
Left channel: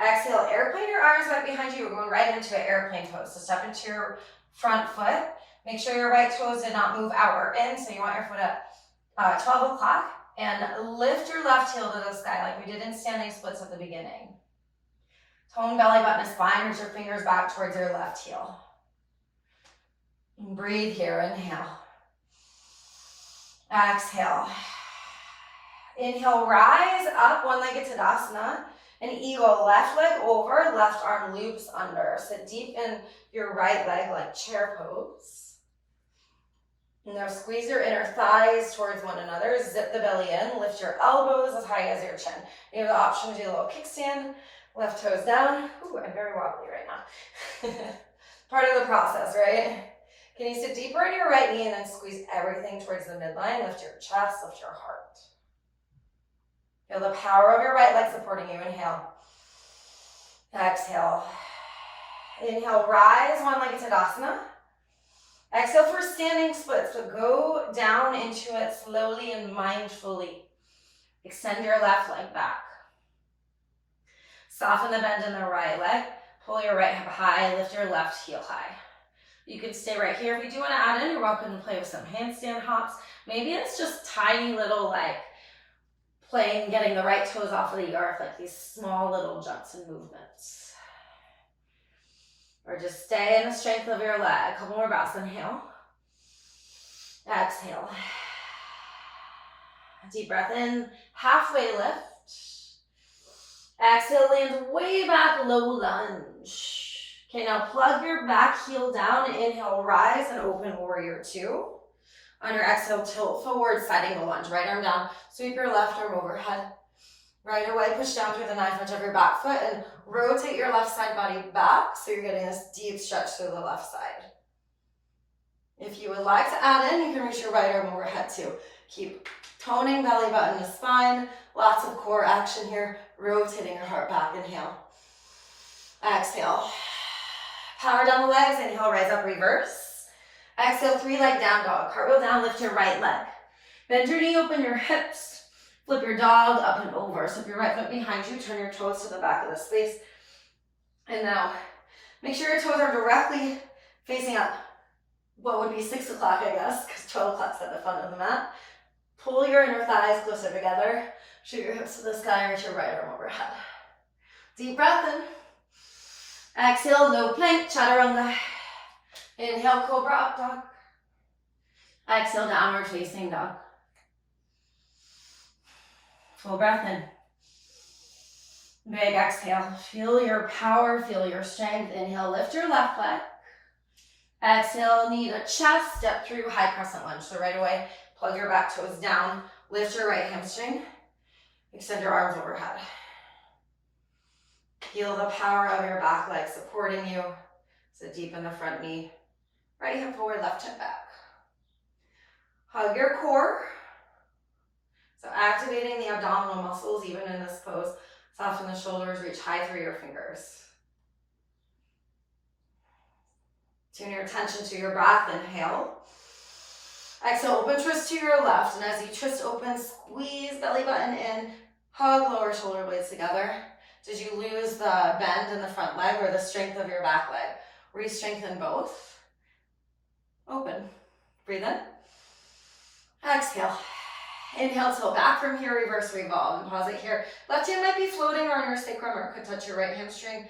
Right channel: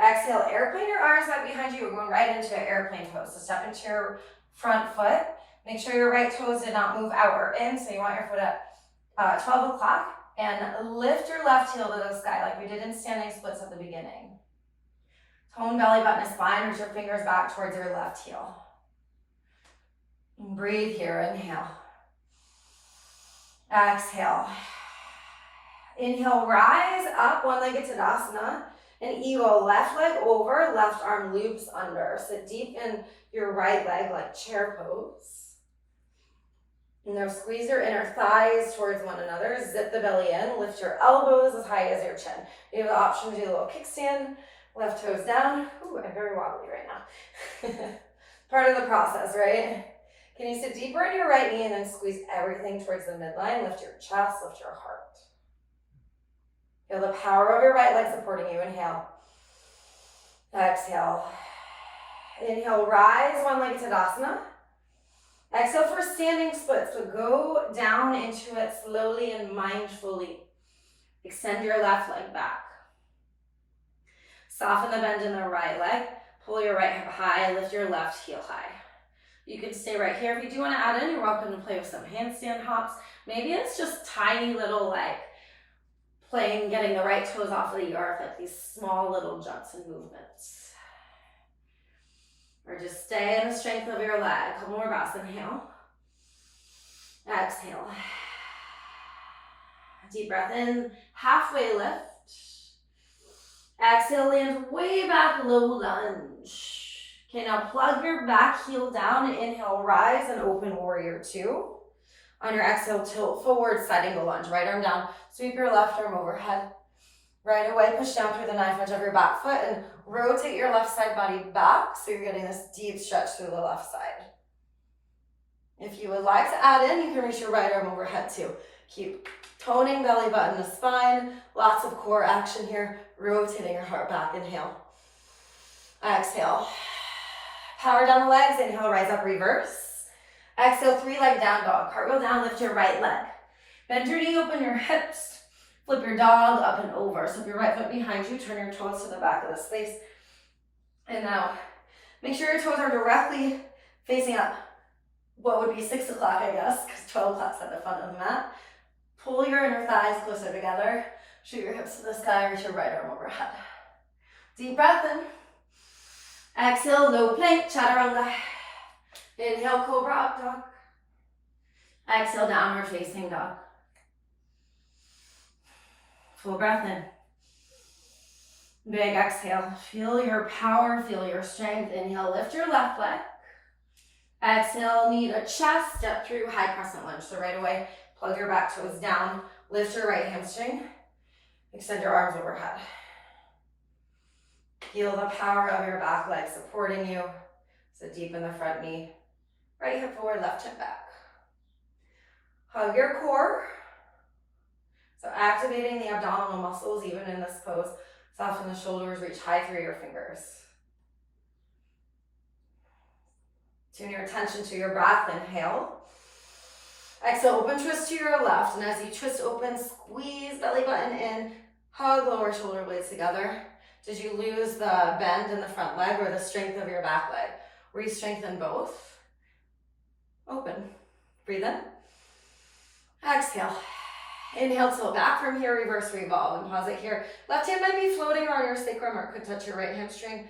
Exhale, airplane your arms back behind you. We're going right into an airplane pose. So step into your front foot. Make sure your right toes did not move out or in. So you want your foot at 12 o'clock. And lift your left heel to the sky like we did in standing splits at the beginning. Tone belly button and spine, reach your fingers back towards your left heel. And breathe here, inhale. Exhale. Inhale, rise up, one-legged Tadasana. And eagle, left leg over, left arm loops under. Sit deep in your right leg like chair pose. And now squeeze your inner thighs towards one another. Zip the belly in. Lift your elbows as high as your chin. You have the option to do a little kickstand. Left toes down. Ooh, I'm very wobbly right now. Part of the process, right? Can you sit deeper in your right knee and then squeeze everything towards the midline? Lift your chest, lift your heart. Feel the power of your right leg supporting you. Inhale. Exhale. Inhale, rise, one-legged Tadasana. Exhale for standing splits, so go down into it slowly and mindfully. Extend your left leg back. Soften the bend in the right leg. Pull your right hip high, lift your left heel high. You can stay right here. If you do want to add in, you're welcome to play with some handstand hops. Maybe it's just tiny little playing, getting the right toes off of the earth, like these small little jumps and movements. Or just stay in the strength of your leg. A couple more breaths. Inhale. Exhale. Deep breath in. Halfway lift. Exhale, land way back, low lunge. Okay, now plug your back heel down. Inhale, rise and open warrior two. On your exhale, tilt forward, side angle lunge. Right arm down. Sweep your left arm overhead. Right away, push down through the knife edge of your back foot and rotate your left side body back so you're getting this deep stretch through the left side. If you would like to add in, you can reach your right arm overhead too. Keep toning belly button to spine. Lots of core action here. Rotating your heart back. Inhale. Exhale. Power down the legs. Inhale, rise up, reverse. Exhale, three leg down dog. Cartwheel down, lift your right leg. Bend your knee, open your hips. Flip your dog up and over. So if your right foot behind you, turn your toes to the back of the space. And now, make sure your toes are directly facing up. What would be 6 o'clock, I guess, because 12 o'clock's at the front of the mat. Pull your inner thighs closer together. Shoot your hips to the sky, reach your right arm overhead. Deep breath in. Exhale, low plank, chaturanga. Inhale, cobra up dog. Exhale, downward facing dog. Full breath in. Big exhale. Feel your power, feel your strength. Inhale, lift your left leg. Exhale, knee to chest, step through high crescent lunge. So right away, plug your back toes down, lift your right hamstring, extend your arms overhead. Feel the power of your back leg supporting you. So deep in the front knee, right hip forward, left hip back. Hug your core. So activating the abdominal muscles even in this pose. Soften the shoulders, reach high through your fingers. Tune your attention to your breath. Inhale. Exhale, open twist to your left. And as you twist open, squeeze belly button in, hug lower shoulder blades together. Did you lose the bend in the front leg or the strength of your back leg? Re-strengthen both. Open. Breathe in. Exhale. Inhale, tilt back from here, reverse revolve, and pause it here. Left hand might be floating around your sacrum or could touch your right hamstring.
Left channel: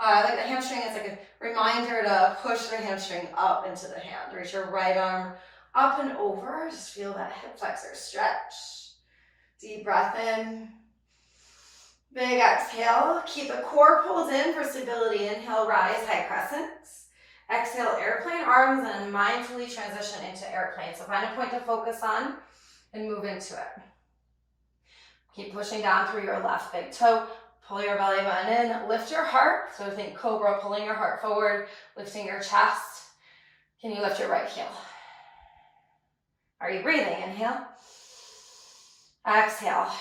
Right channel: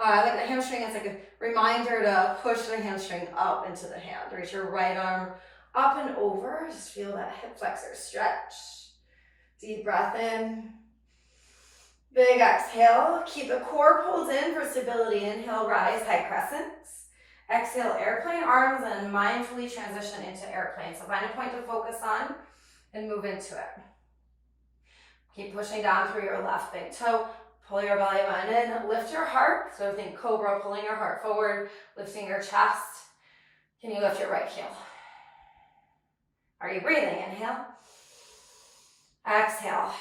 Like the hamstring, it's like a reminder to push the hamstring up into the hand. Reach your right arm up and over. Just feel that hip flexor stretch. Deep breath in. Big exhale. Keep the core pulled in for stability. Inhale, rise, high crescents. Exhale, airplane arms, and mindfully transition into airplane. So find a point to focus on and move into it. Keep pushing down through your left big toe. Pull your belly button in. Lift your heart. So think cobra, pulling your heart forward, lifting your chest. Can you lift your right heel? Are you breathing? Inhale. Exhale.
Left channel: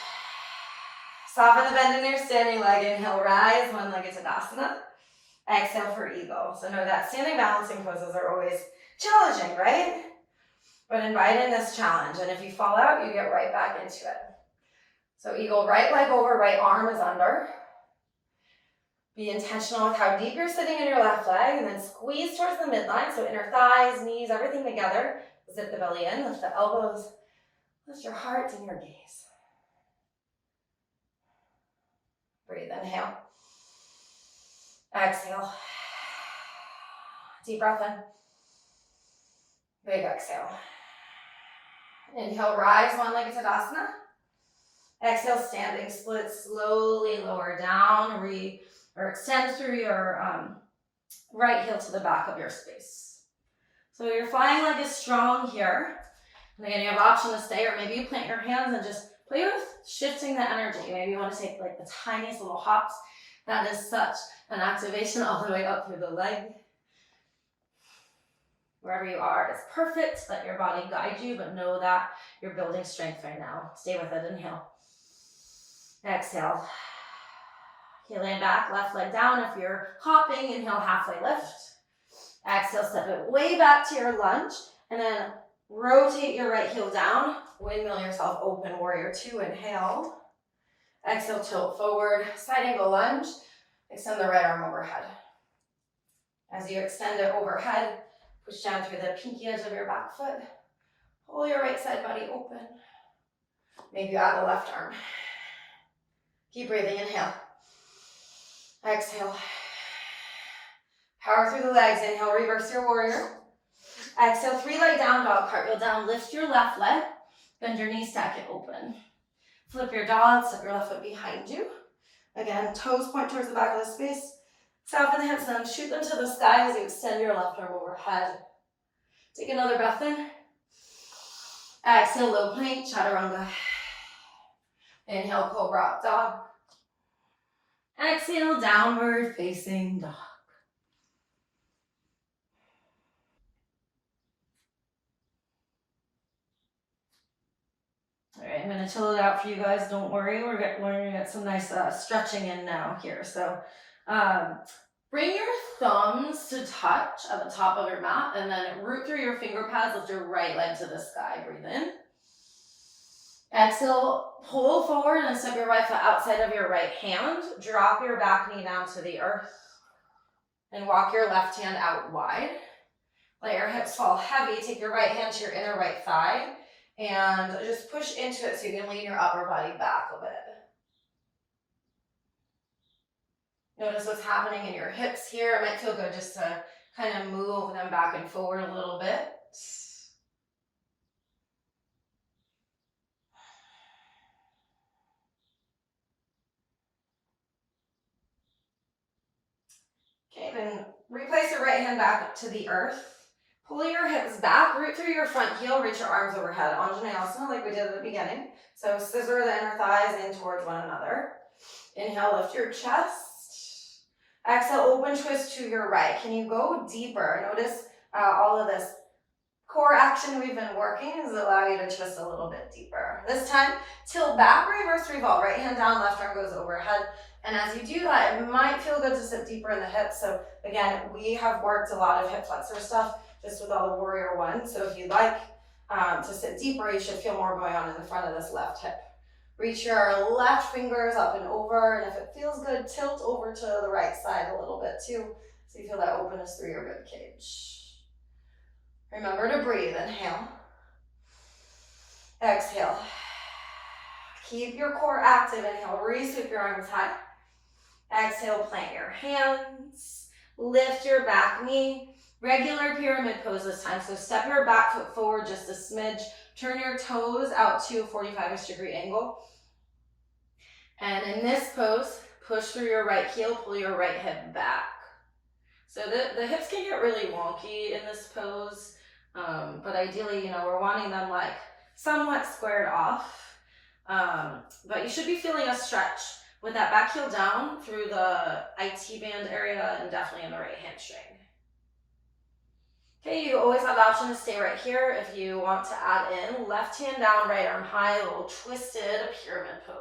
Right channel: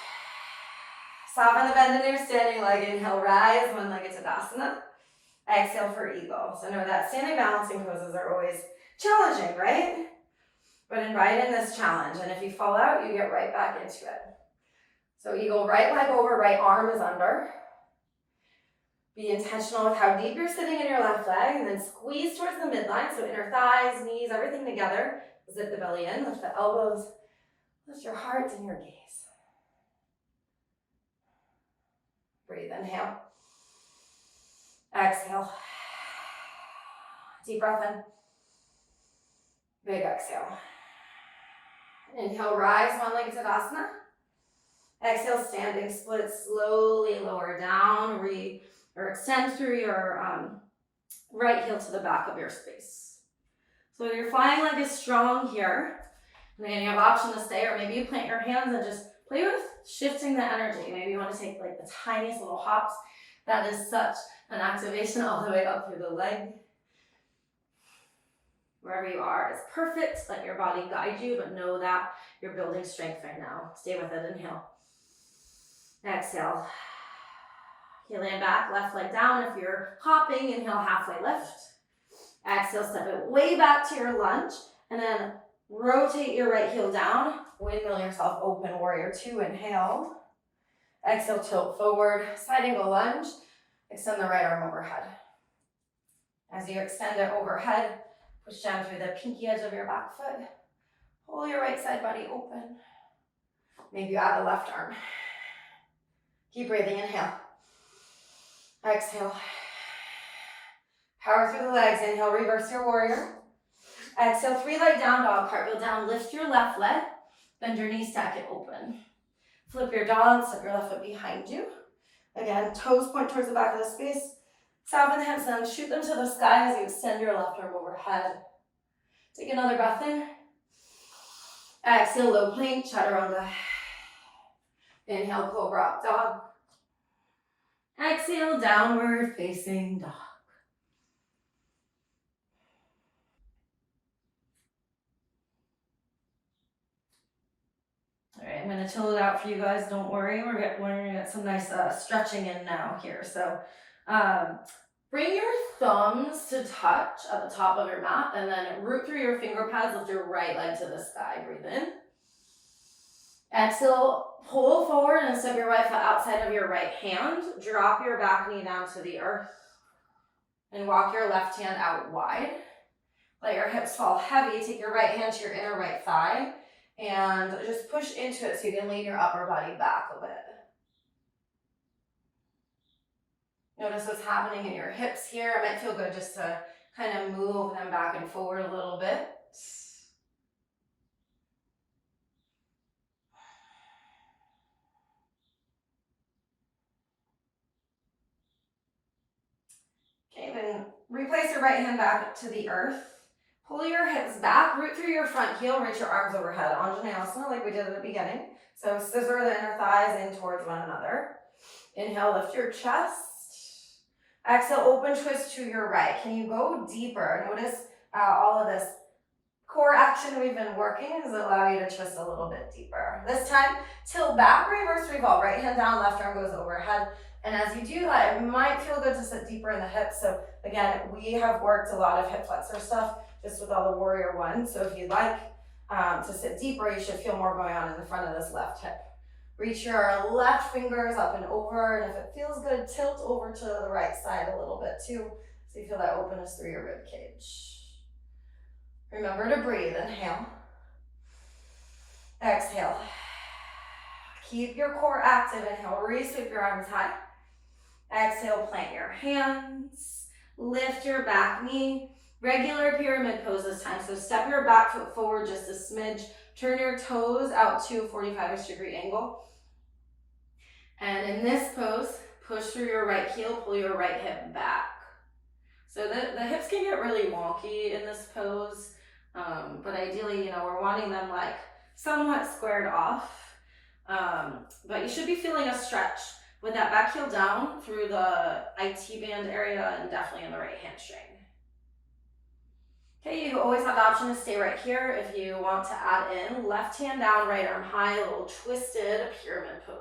Soften the bend in your standing leg. Inhale, rise, one-legged Tadasana. Exhale for eagle. So know that standing balancing poses are always challenging, right? But invite in this challenge. And if you fall out, you get right back into it. So eagle, right leg over, right arm is under. Be intentional with how deep you're sitting in your left leg, and then squeeze towards the midline. So inner thighs, knees, everything together. Zip the belly in, lift the elbows, lift your heart and your gaze. Breathe, inhale. Exhale. Deep breath in. Big exhale. Inhale, rise, one-legged Tadasana. Exhale, standing split, slowly lower down, or extend through your right heel to the back of your space. So your flying leg is strong here. And again, you have option to stay, or maybe you plant your hands and just play with shifting the energy. Maybe you want to take like the tiniest little hops. That is such an activation all the way up through the leg. Wherever you are, it's perfect. Let your body guide you, but know that you're building strength right now. Stay with it. Inhale. Exhale. You land back, left leg down. If you're hopping, inhale, halfway lift. Exhale, step it way back to your lunge, and then rotate your right heel down. Windmill yourself open, warrior two. Inhale. Exhale, tilt forward, side angle lunge. Extend the right arm overhead. As you extend it overhead, push down through the pinky edge of your back foot. Pull your right side body open. Maybe you add the left arm. Keep breathing, inhale. Exhale. Power through the legs. Inhale, reverse your warrior. Exhale, three leg down dog, cartwheel down. Lift your left leg. Bend your knees, stack it open. Flip your dog, step your left foot behind you. Again, toes point towards the back of the space. Soften the hips down, shoot them to the sky as you extend your left arm overhead. Take another breath in. Exhale, low plank, chaturanga. Inhale, cobra up dog. Exhale, downward facing dog. All right, I'm gonna chill it out for you guys. Don't worry, we're gonna get some nice stretching in now here. So bring your thumbs to touch at the top of your mat, and then root through your finger pads, lift your right leg to the sky. Breathe in. Exhale, pull forward and step your right foot outside of your right hand. Drop your back knee down to the earth. And walk your left hand out wide. Let your hips fall heavy. Take your right hand to your inner right thigh. And just push into it so you can lean your upper body back a bit. Notice what's happening in your hips here. It might feel good just to kind of move them back and forward a little bit. Okay, then replace your right hand back up to the earth. Pull your hips back, root through your front heel, reach your arms overhead. Anjaneyasana like we did at the beginning. So scissor the inner thighs in towards one another. Inhale, lift your chest. Exhale, open twist to your right. Can you go deeper? Notice all of this core action we've been working is allow you to twist a little bit deeper. This time, tilt back, reverse revolve. Right hand down, left arm goes overhead. And as you do that, it might feel good to sit deeper in the hips. So again, we have worked a lot of hip flexor stuff just with all the warrior one. So if you'd like to sit deeper, you should feel more going on in the front of this left hip. Reach your left fingers up and over, and if it feels good, tilt over to the right side a little bit too, so you feel that openness through your rib cage. Remember to breathe. Inhale. Exhale. Keep your core active. Inhale, re-sweep your arms high. Exhale, plant your hands. Lift your back knee. Regular pyramid pose this time. So step your back foot forward just a smidge. Turn your toes out to a 45-ish degree angle. And in this pose, push through your right heel, pull your right hip back. So the hips can get really wonky in this pose, but ideally, we're wanting them like somewhat squared off. But you should be feeling a stretch with that back heel down through the IT band area and definitely in the right hamstring. Okay, you always have the option to stay right here if you want to add in left hand down, right arm high, a little twisted pyramid pose.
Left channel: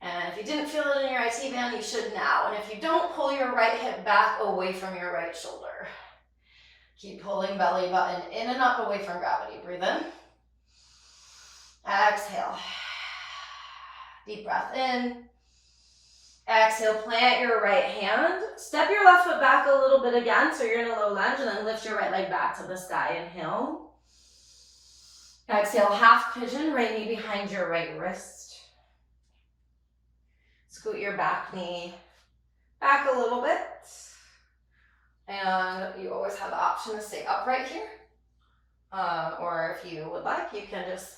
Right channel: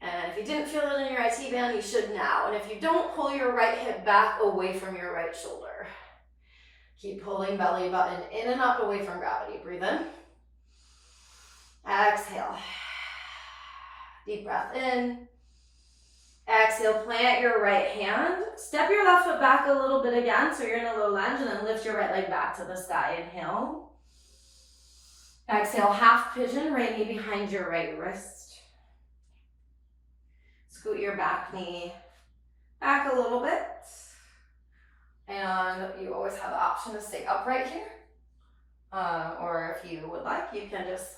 And if you didn't feel it in your IT band, you should now. And if you don't, pull your right hip back away from your right shoulder. Keep pulling belly button in and up away from gravity. Breathe in. Exhale. Deep breath in. Exhale, plant your right hand. Step your left foot back a little bit again, so you're in a low lunge, and then lift your right leg back to the sky. Inhale. Exhale, half pigeon, right knee behind your right wrist. Scoot your back knee back a little bit. And you always have the option to stay upright here. Or if you would like, you can just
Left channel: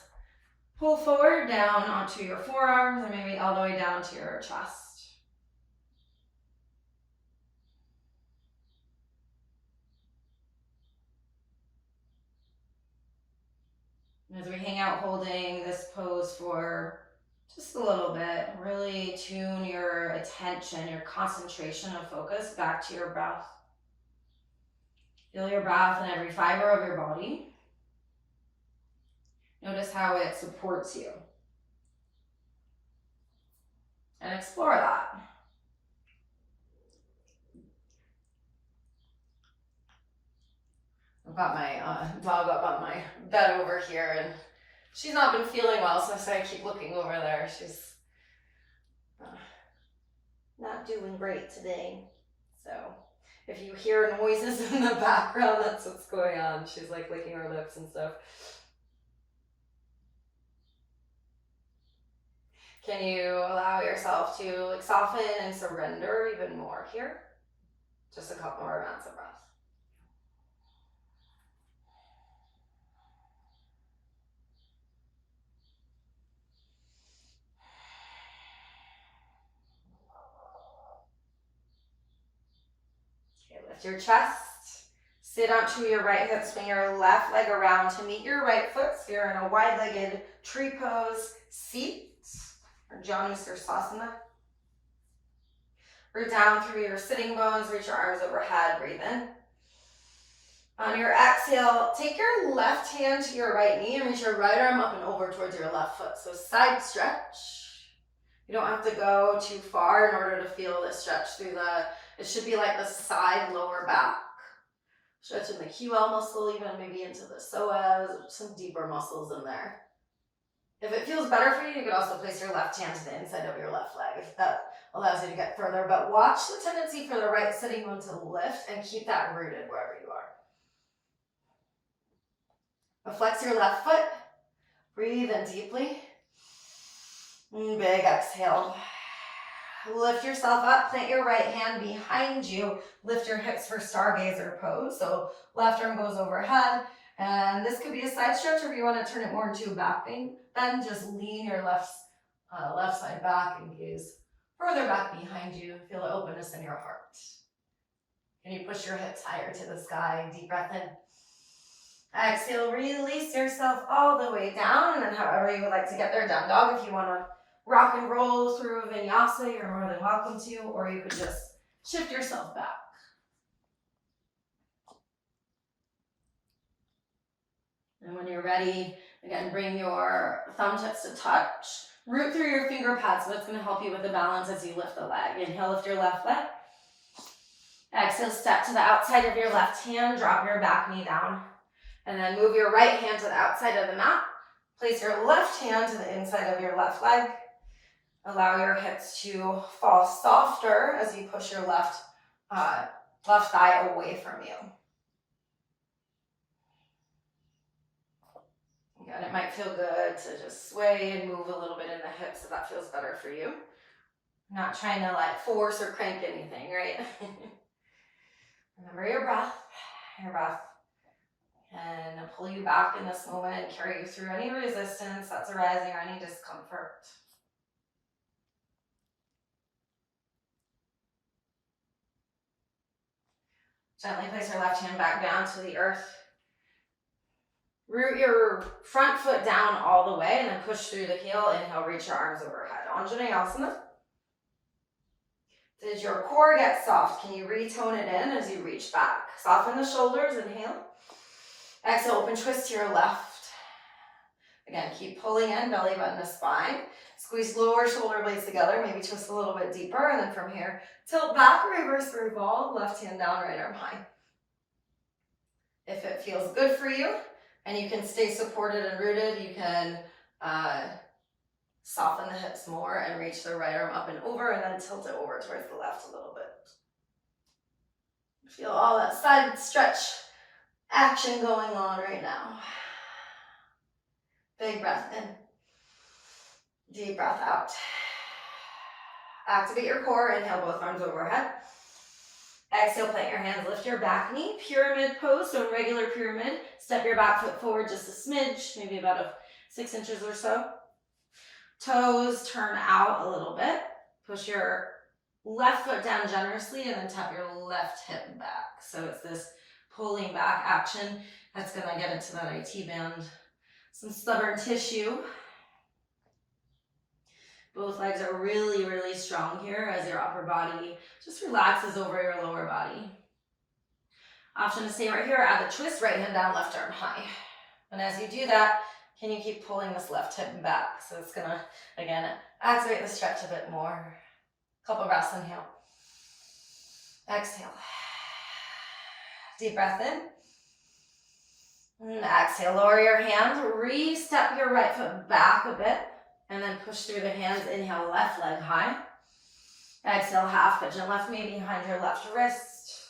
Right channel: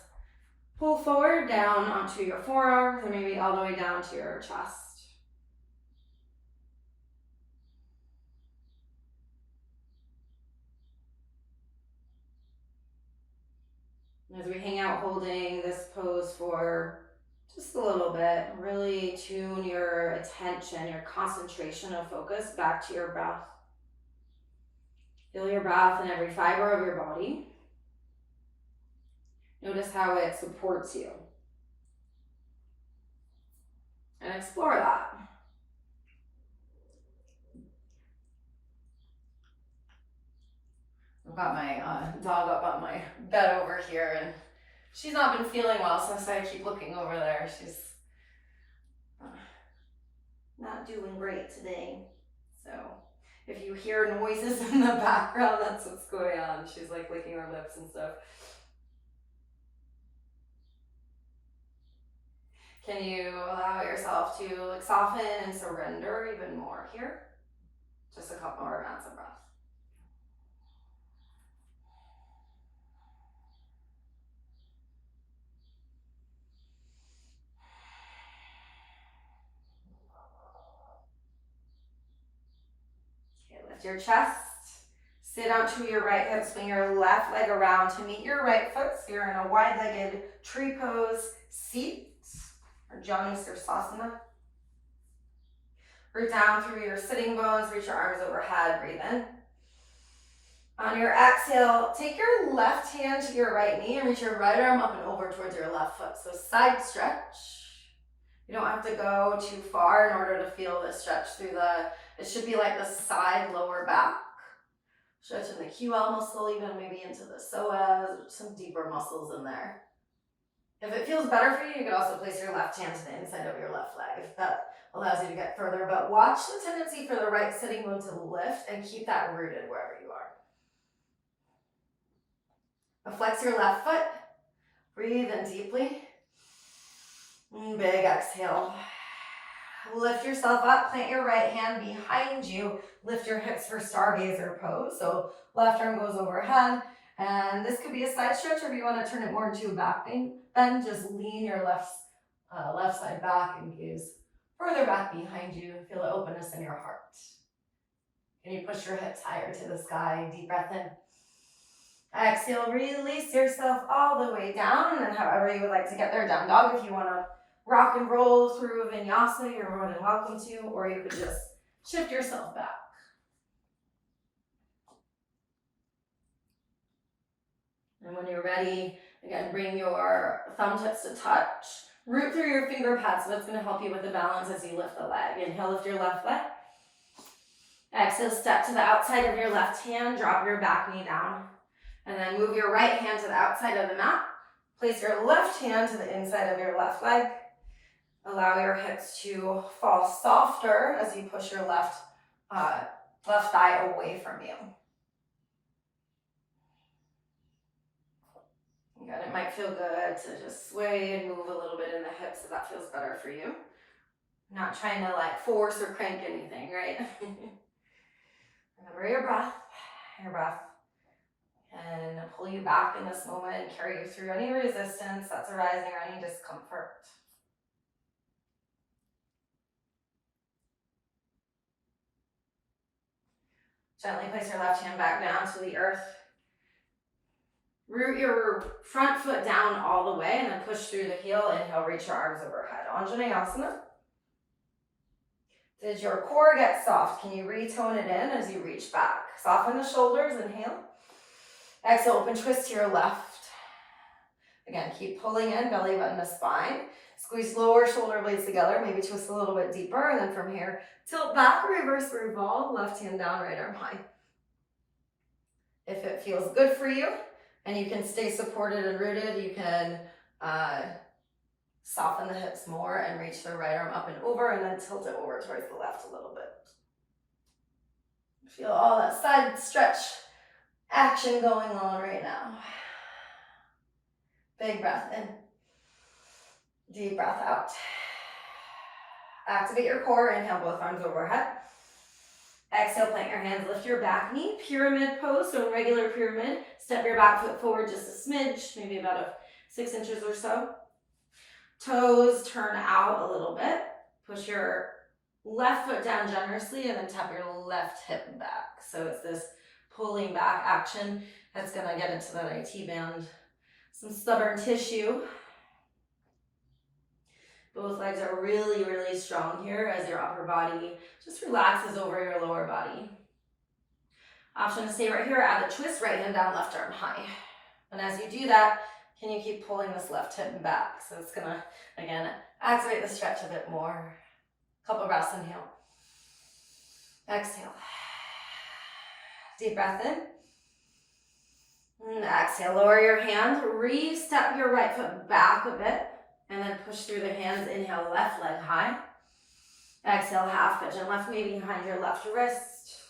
pull forward down onto your forearms and maybe all the way down to your chest. As we hang out holding this pose for just a little bit, really tune your attention, your concentration of focus back to your breath. Feel your breath in every fiber of your body. Notice how it supports you. And explore that. I've got my dog up on my bed over here, and she's not been feeling well, so I keep looking over there. She's not doing great today. So if you hear noises in the background, that's what's going on. She's like licking her lips and stuff. Can you allow yourself to like soften and surrender even more here? Just a couple more rounds of breath. Okay, lift your chest. Sit onto your right hip, swing your left leg around to meet your right foot. So you're in a wide-legged tree pose seat, or Janu Sirsasana. Root down through your sitting bones, reach your arms overhead, breathe in. On your exhale, take your left hand to your right knee and reach your right arm up and over towards your left foot. So side stretch. You don't have to go too far in order to feel the stretch through it should be like the side lower back. Stretching the QL muscle, even maybe into the psoas, some deeper muscles in there. If it feels better for you, you can also place your left hand to the inside of your left leg. If that allows you to get further, but watch the tendency for the right sitting bone to lift and keep that rooted wherever you are. Flex your left foot. Breathe in deeply. Big exhale. Lift yourself up, plant your right hand behind you, lift your hips for stargazer pose. So left arm goes overhead, and this could be a side stretch, or if you want to turn it more into a back bend, then just lean your left side back and gaze further back behind you. Feel the openness in your heart. Can you push your hips higher to the sky? Deep breath in. Exhale, release yourself all the way down, and however you would like to get there, down dog. If you want to rock and roll through Vinyasa, you're more than welcome to, or you could just shift yourself back. And when you're ready, again, bring your thumb tips to touch. Root through your finger pads, so that's going to help you with the balance as you lift the leg. Inhale, lift your left leg. Exhale, step to the outside of your left hand, drop your back knee down. And then move your right hand to the outside of the mat. Place your left hand to the inside of your left leg. Allow your hips to fall softer as you push your left thigh away from you. Again, it might feel good to just sway and move a little bit in the hips if that feels better for you. Not trying to like force or crank anything, right? Remember your breath. And pull you back in this moment and carry you through any resistance that's arising or any discomfort. Gently place your left hand back down to the earth. Root your front foot down all the way and then push through the heel. Inhale, reach your arms overhead. Anjaneyasana. Did your core get soft? Can you retone it in as you reach back? Soften the shoulders, inhale. Exhale, open twist to your left. Again, keep pulling in, belly button to spine. Squeeze lower shoulder blades together, maybe twist a little bit deeper, and then from here, tilt back, reverse revolve, left hand down, right arm high. If it feels good for you, and you can stay supported and rooted, you can soften the hips more and reach the right arm up and over, and then tilt it over towards the left a little bit. Feel all that side stretch action going on right now. Big breath in. Deep breath out. Activate your core. Inhale, both arms overhead. Exhale, plant your hands, lift your back knee. Pyramid pose, so regular pyramid. Step your back foot forward just a smidge, maybe about 6 inches or so. Toes turn out a little bit. Push your left foot down generously and then tap your left hip back. So it's this pulling back action that's going to get into that IT band. Some stubborn tissue. Both legs are really, really strong here as your upper body just relaxes over your lower body. Option to stay right here, add the twist, right hand down, left arm high. And as you do that, can you keep pulling this left hip back? So it's gonna, again, activate the stretch a bit more. Couple breaths, inhale. Exhale. Deep breath in. And exhale, lower your hand, re-step your right foot back a bit, and then push through the hands. Inhale, left leg high. Exhale, half pigeon, left knee behind your left wrist.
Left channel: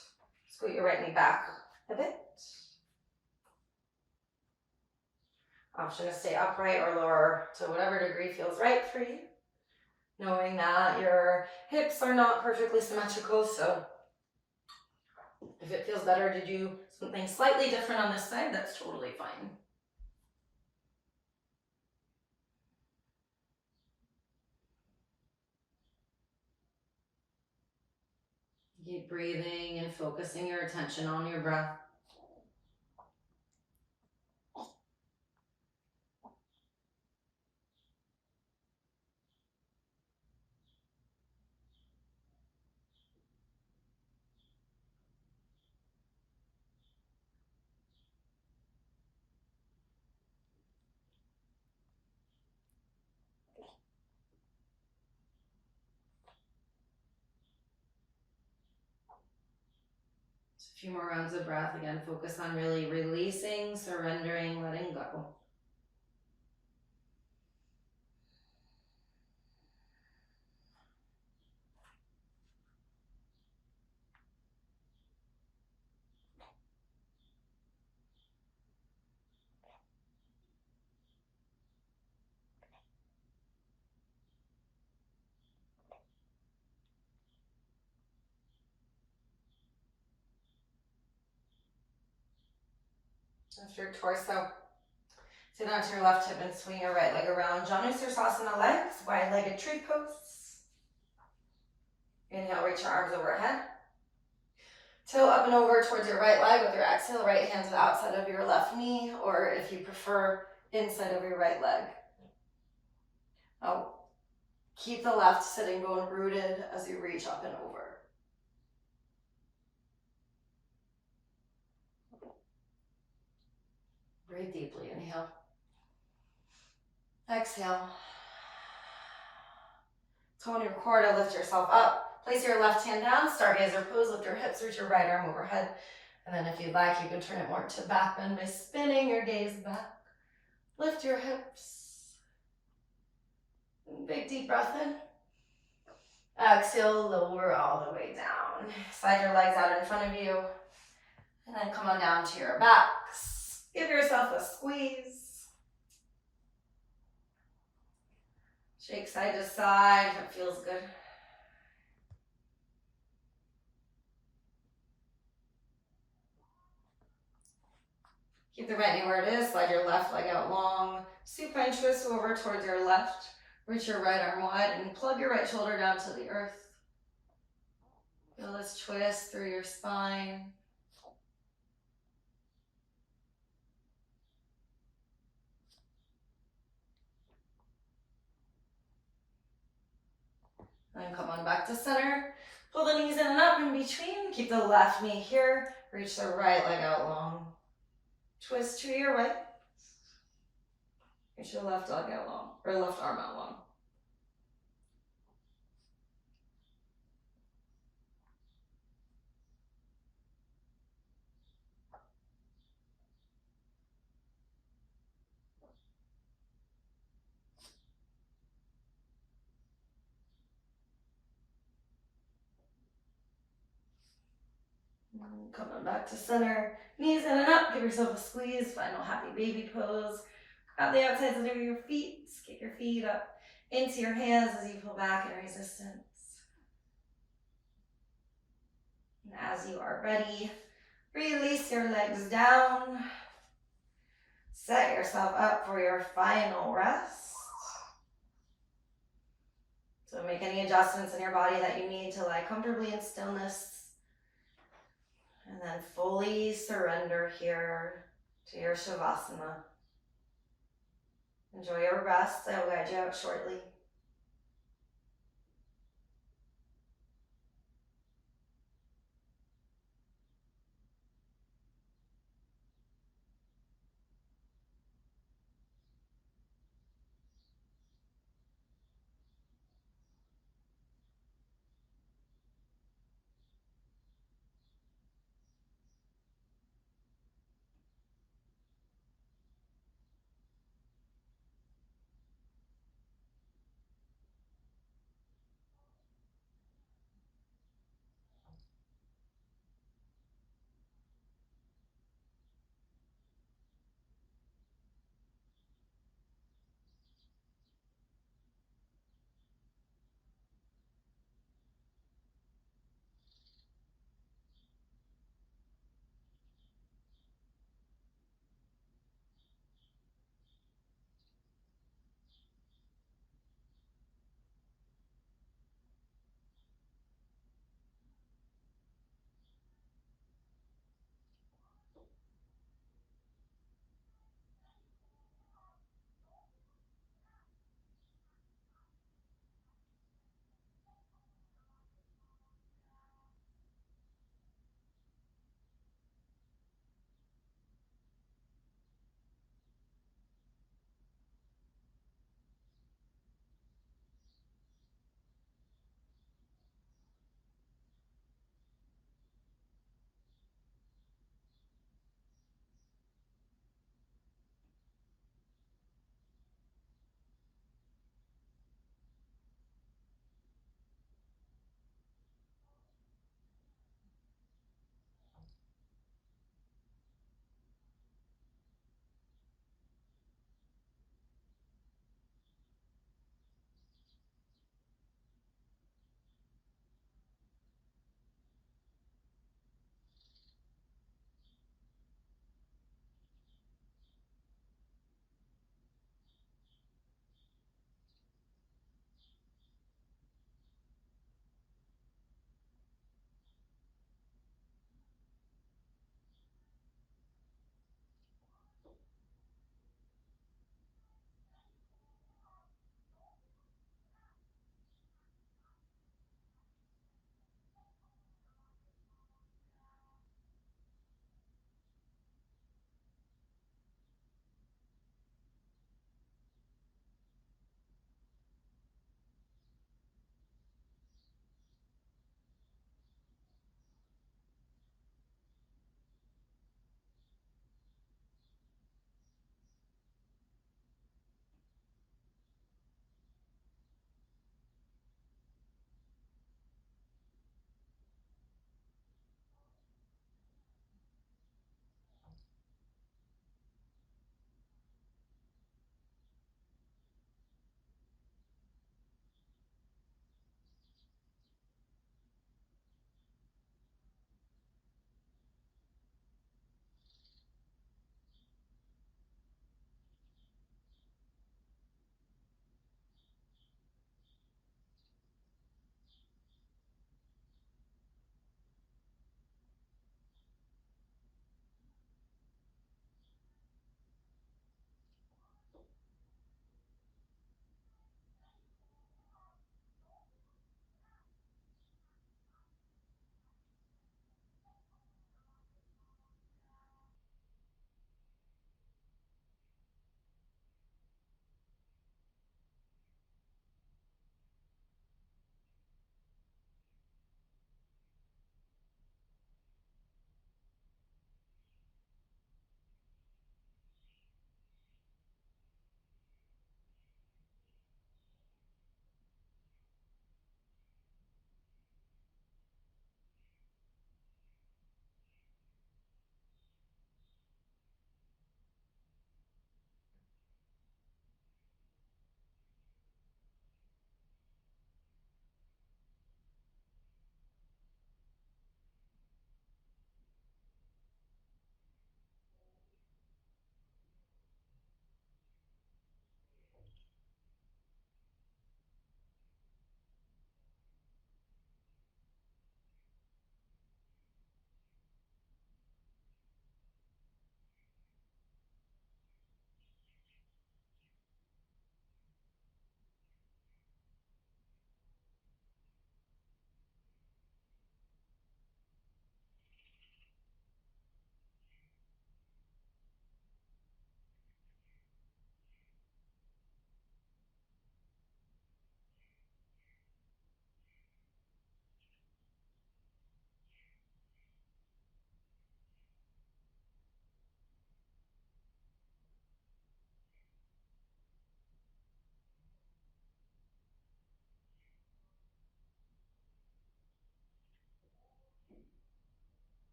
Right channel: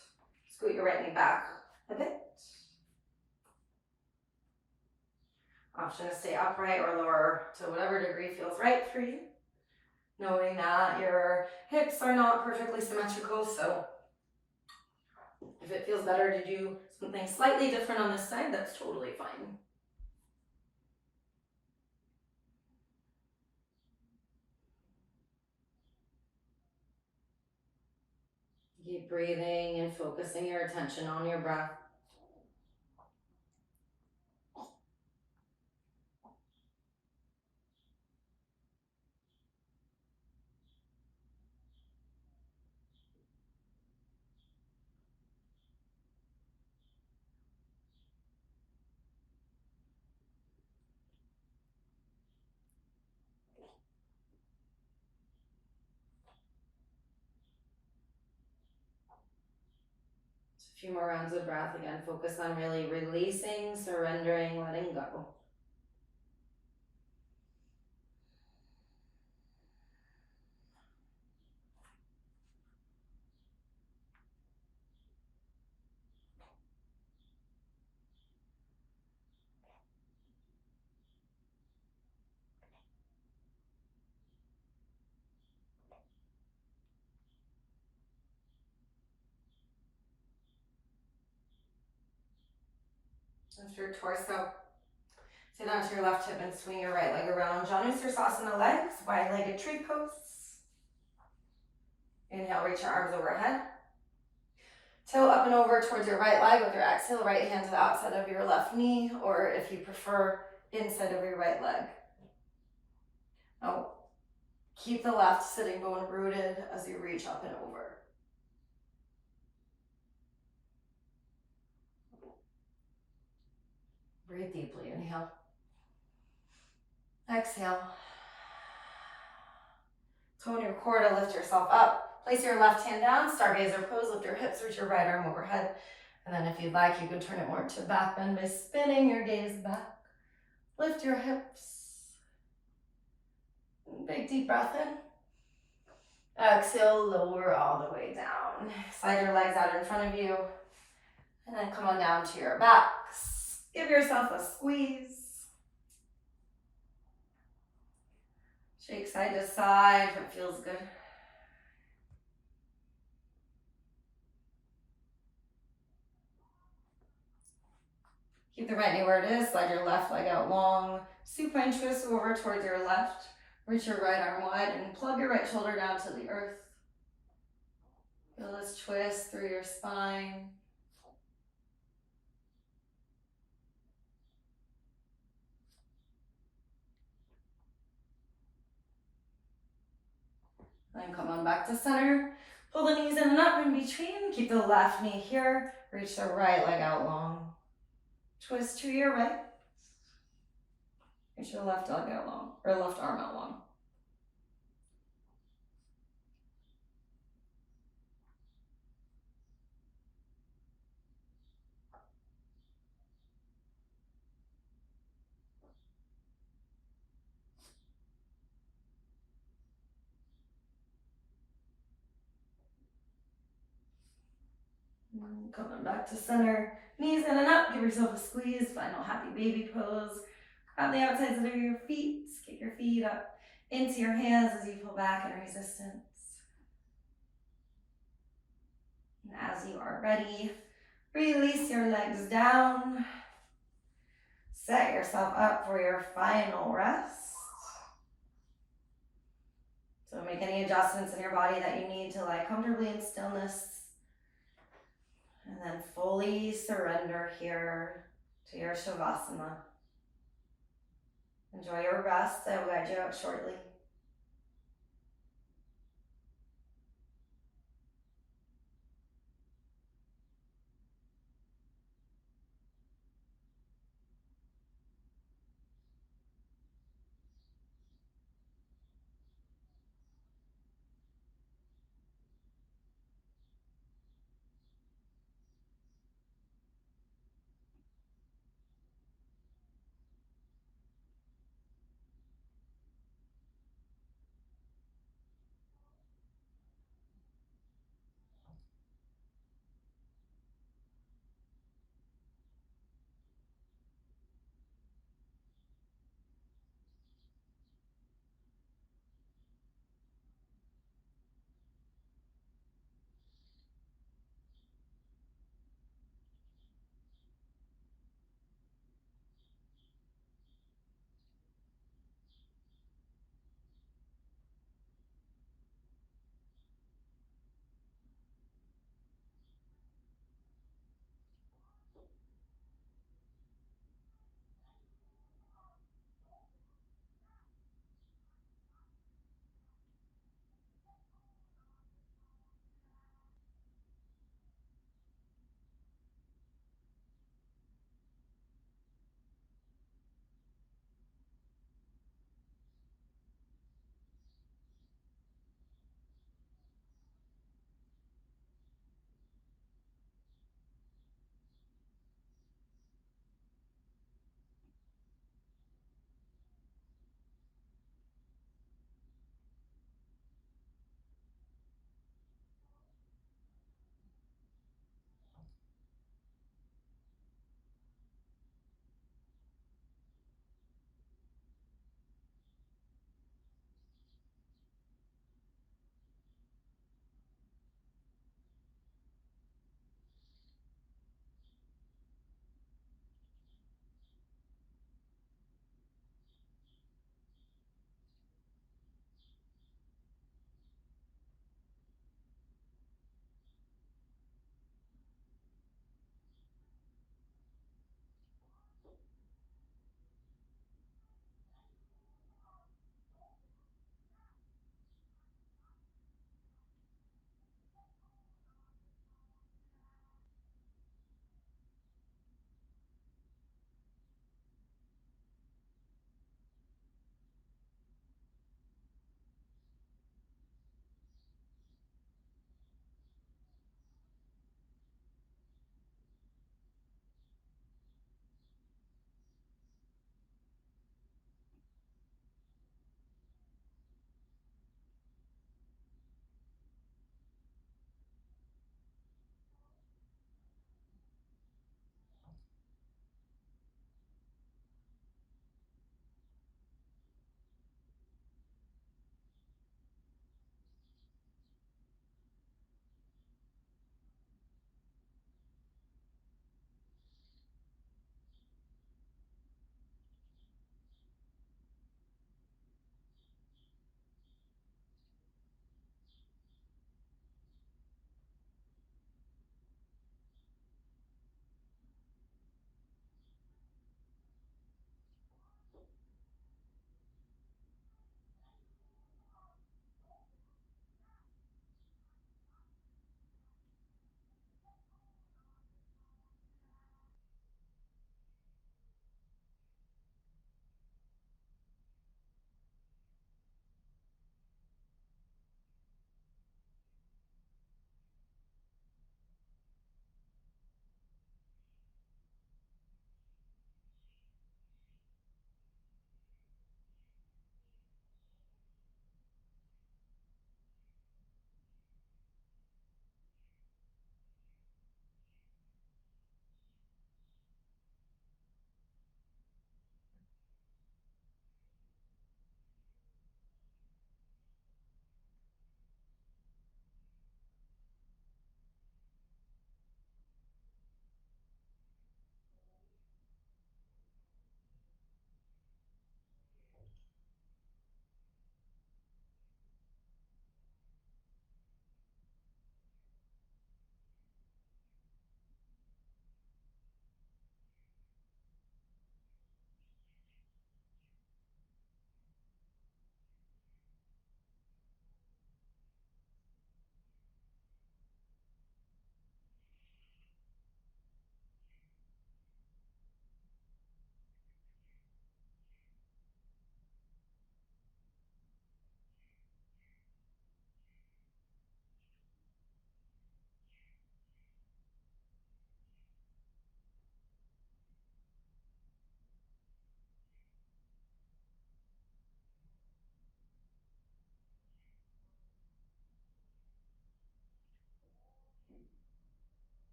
Scoot your right knee back a bit. Option to stay upright or lower to whatever degree feels right for you. Knowing that your hips are not perfectly symmetrical, so if it feels better to do something slightly different on this side, that's totally fine. Keep breathing and focusing your attention on your breath. Just a few more rounds of breath. Again, focus on really releasing, surrendering, letting go. Lift your torso. Sit onto your left hip and swing your right leg around. Janusirsasana legs, wide-legged tree pose. Inhale, reach your arms overhead. Tilt up and over towards your right leg with your exhale, right hand to the outside of your left knee, or if you prefer, inside of your right leg. Now, keep the left sitting bone rooted as you reach up and over. Breathe deeply, inhale. Exhale. Tone your core to lift yourself up. Place your left hand down, stargazer pose, lift your hips, reach your right arm overhead. And then if you'd like, you can turn it more to back bend by spinning your gaze back. Lift your hips. Big deep breath in. Exhale, lower all the way down. Slide your legs out in front of you. And then come on down to your backs. Give yourself a squeeze. Shake side to side if it feels good. Keep the right knee where it is. Slide your left leg out long. Supine twist over towards your left. Reach your right arm wide and plug your right shoulder down to the earth. Feel this twist through your spine. Then come on back to center. Pull the knees in and up in between. Keep the left knee here. Reach the right leg out long. Twist to your right. Reach your left leg out long, or left arm out long. Coming back to center. Knees in and up. Give yourself a squeeze. Final happy baby pose. Grab the outsides of your feet. Kick your feet up into your hands as you pull back in resistance. And as you are ready, release your legs down. Set yourself up for your final rest. So make any adjustments in your body that you need to lie comfortably in stillness. And then fully surrender here to your Shavasana. Enjoy your rest. I will guide you out shortly.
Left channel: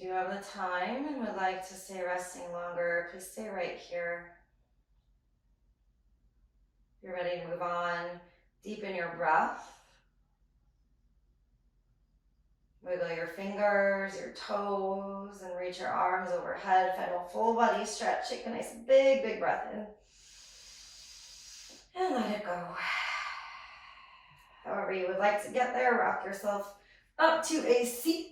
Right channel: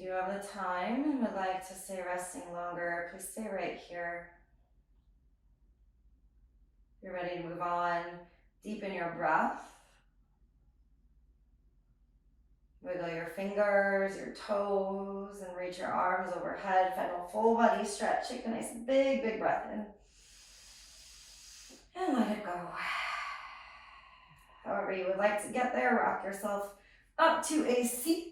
If you do have the time and would like to stay resting longer, please stay right here. If you're ready to move on, deepen your breath. Wiggle your fingers, your toes, and reach your arms overhead. Find a full body stretch. Take a nice big breath in. And let it go. However you would like to get there, rock yourself up to a seat.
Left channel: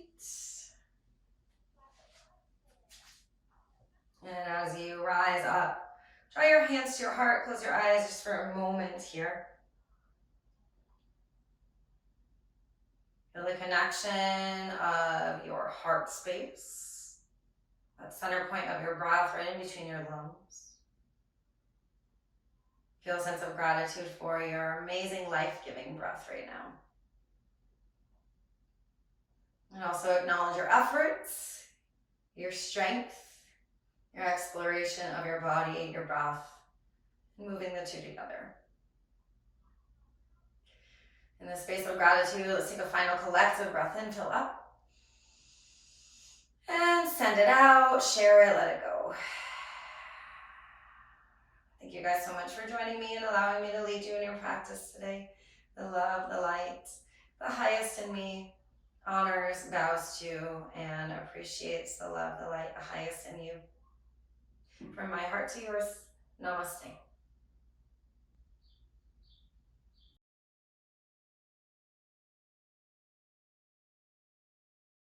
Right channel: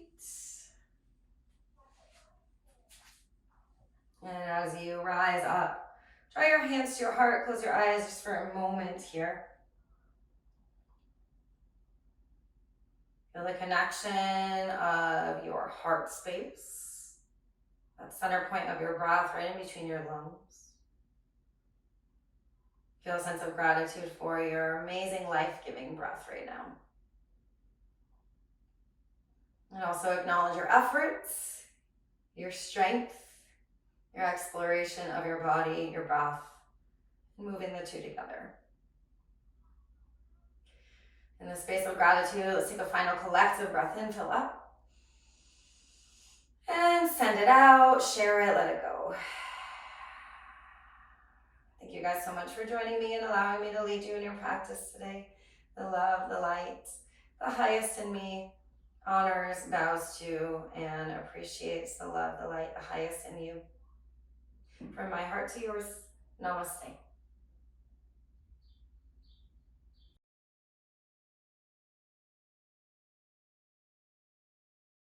And as you rise up, draw your hands to your heart, close your eyes just for a moment here. Feel the connection of your heart space, that center point of your breath right in between your lungs. Feel a sense of gratitude for your amazing life-giving breath right now. And also acknowledge your efforts, your strength, your exploration of your body, your breath, moving the two together. In the space of gratitude, let's take a final collective breath in, fill up. And send it out, share it, let it go. Thank you guys so much for joining me and allowing me to lead you in your practice today. The love, the light, the highest in me honors, bows to, and appreciates the love, the light, the highest in you. From my heart to yours, namaste.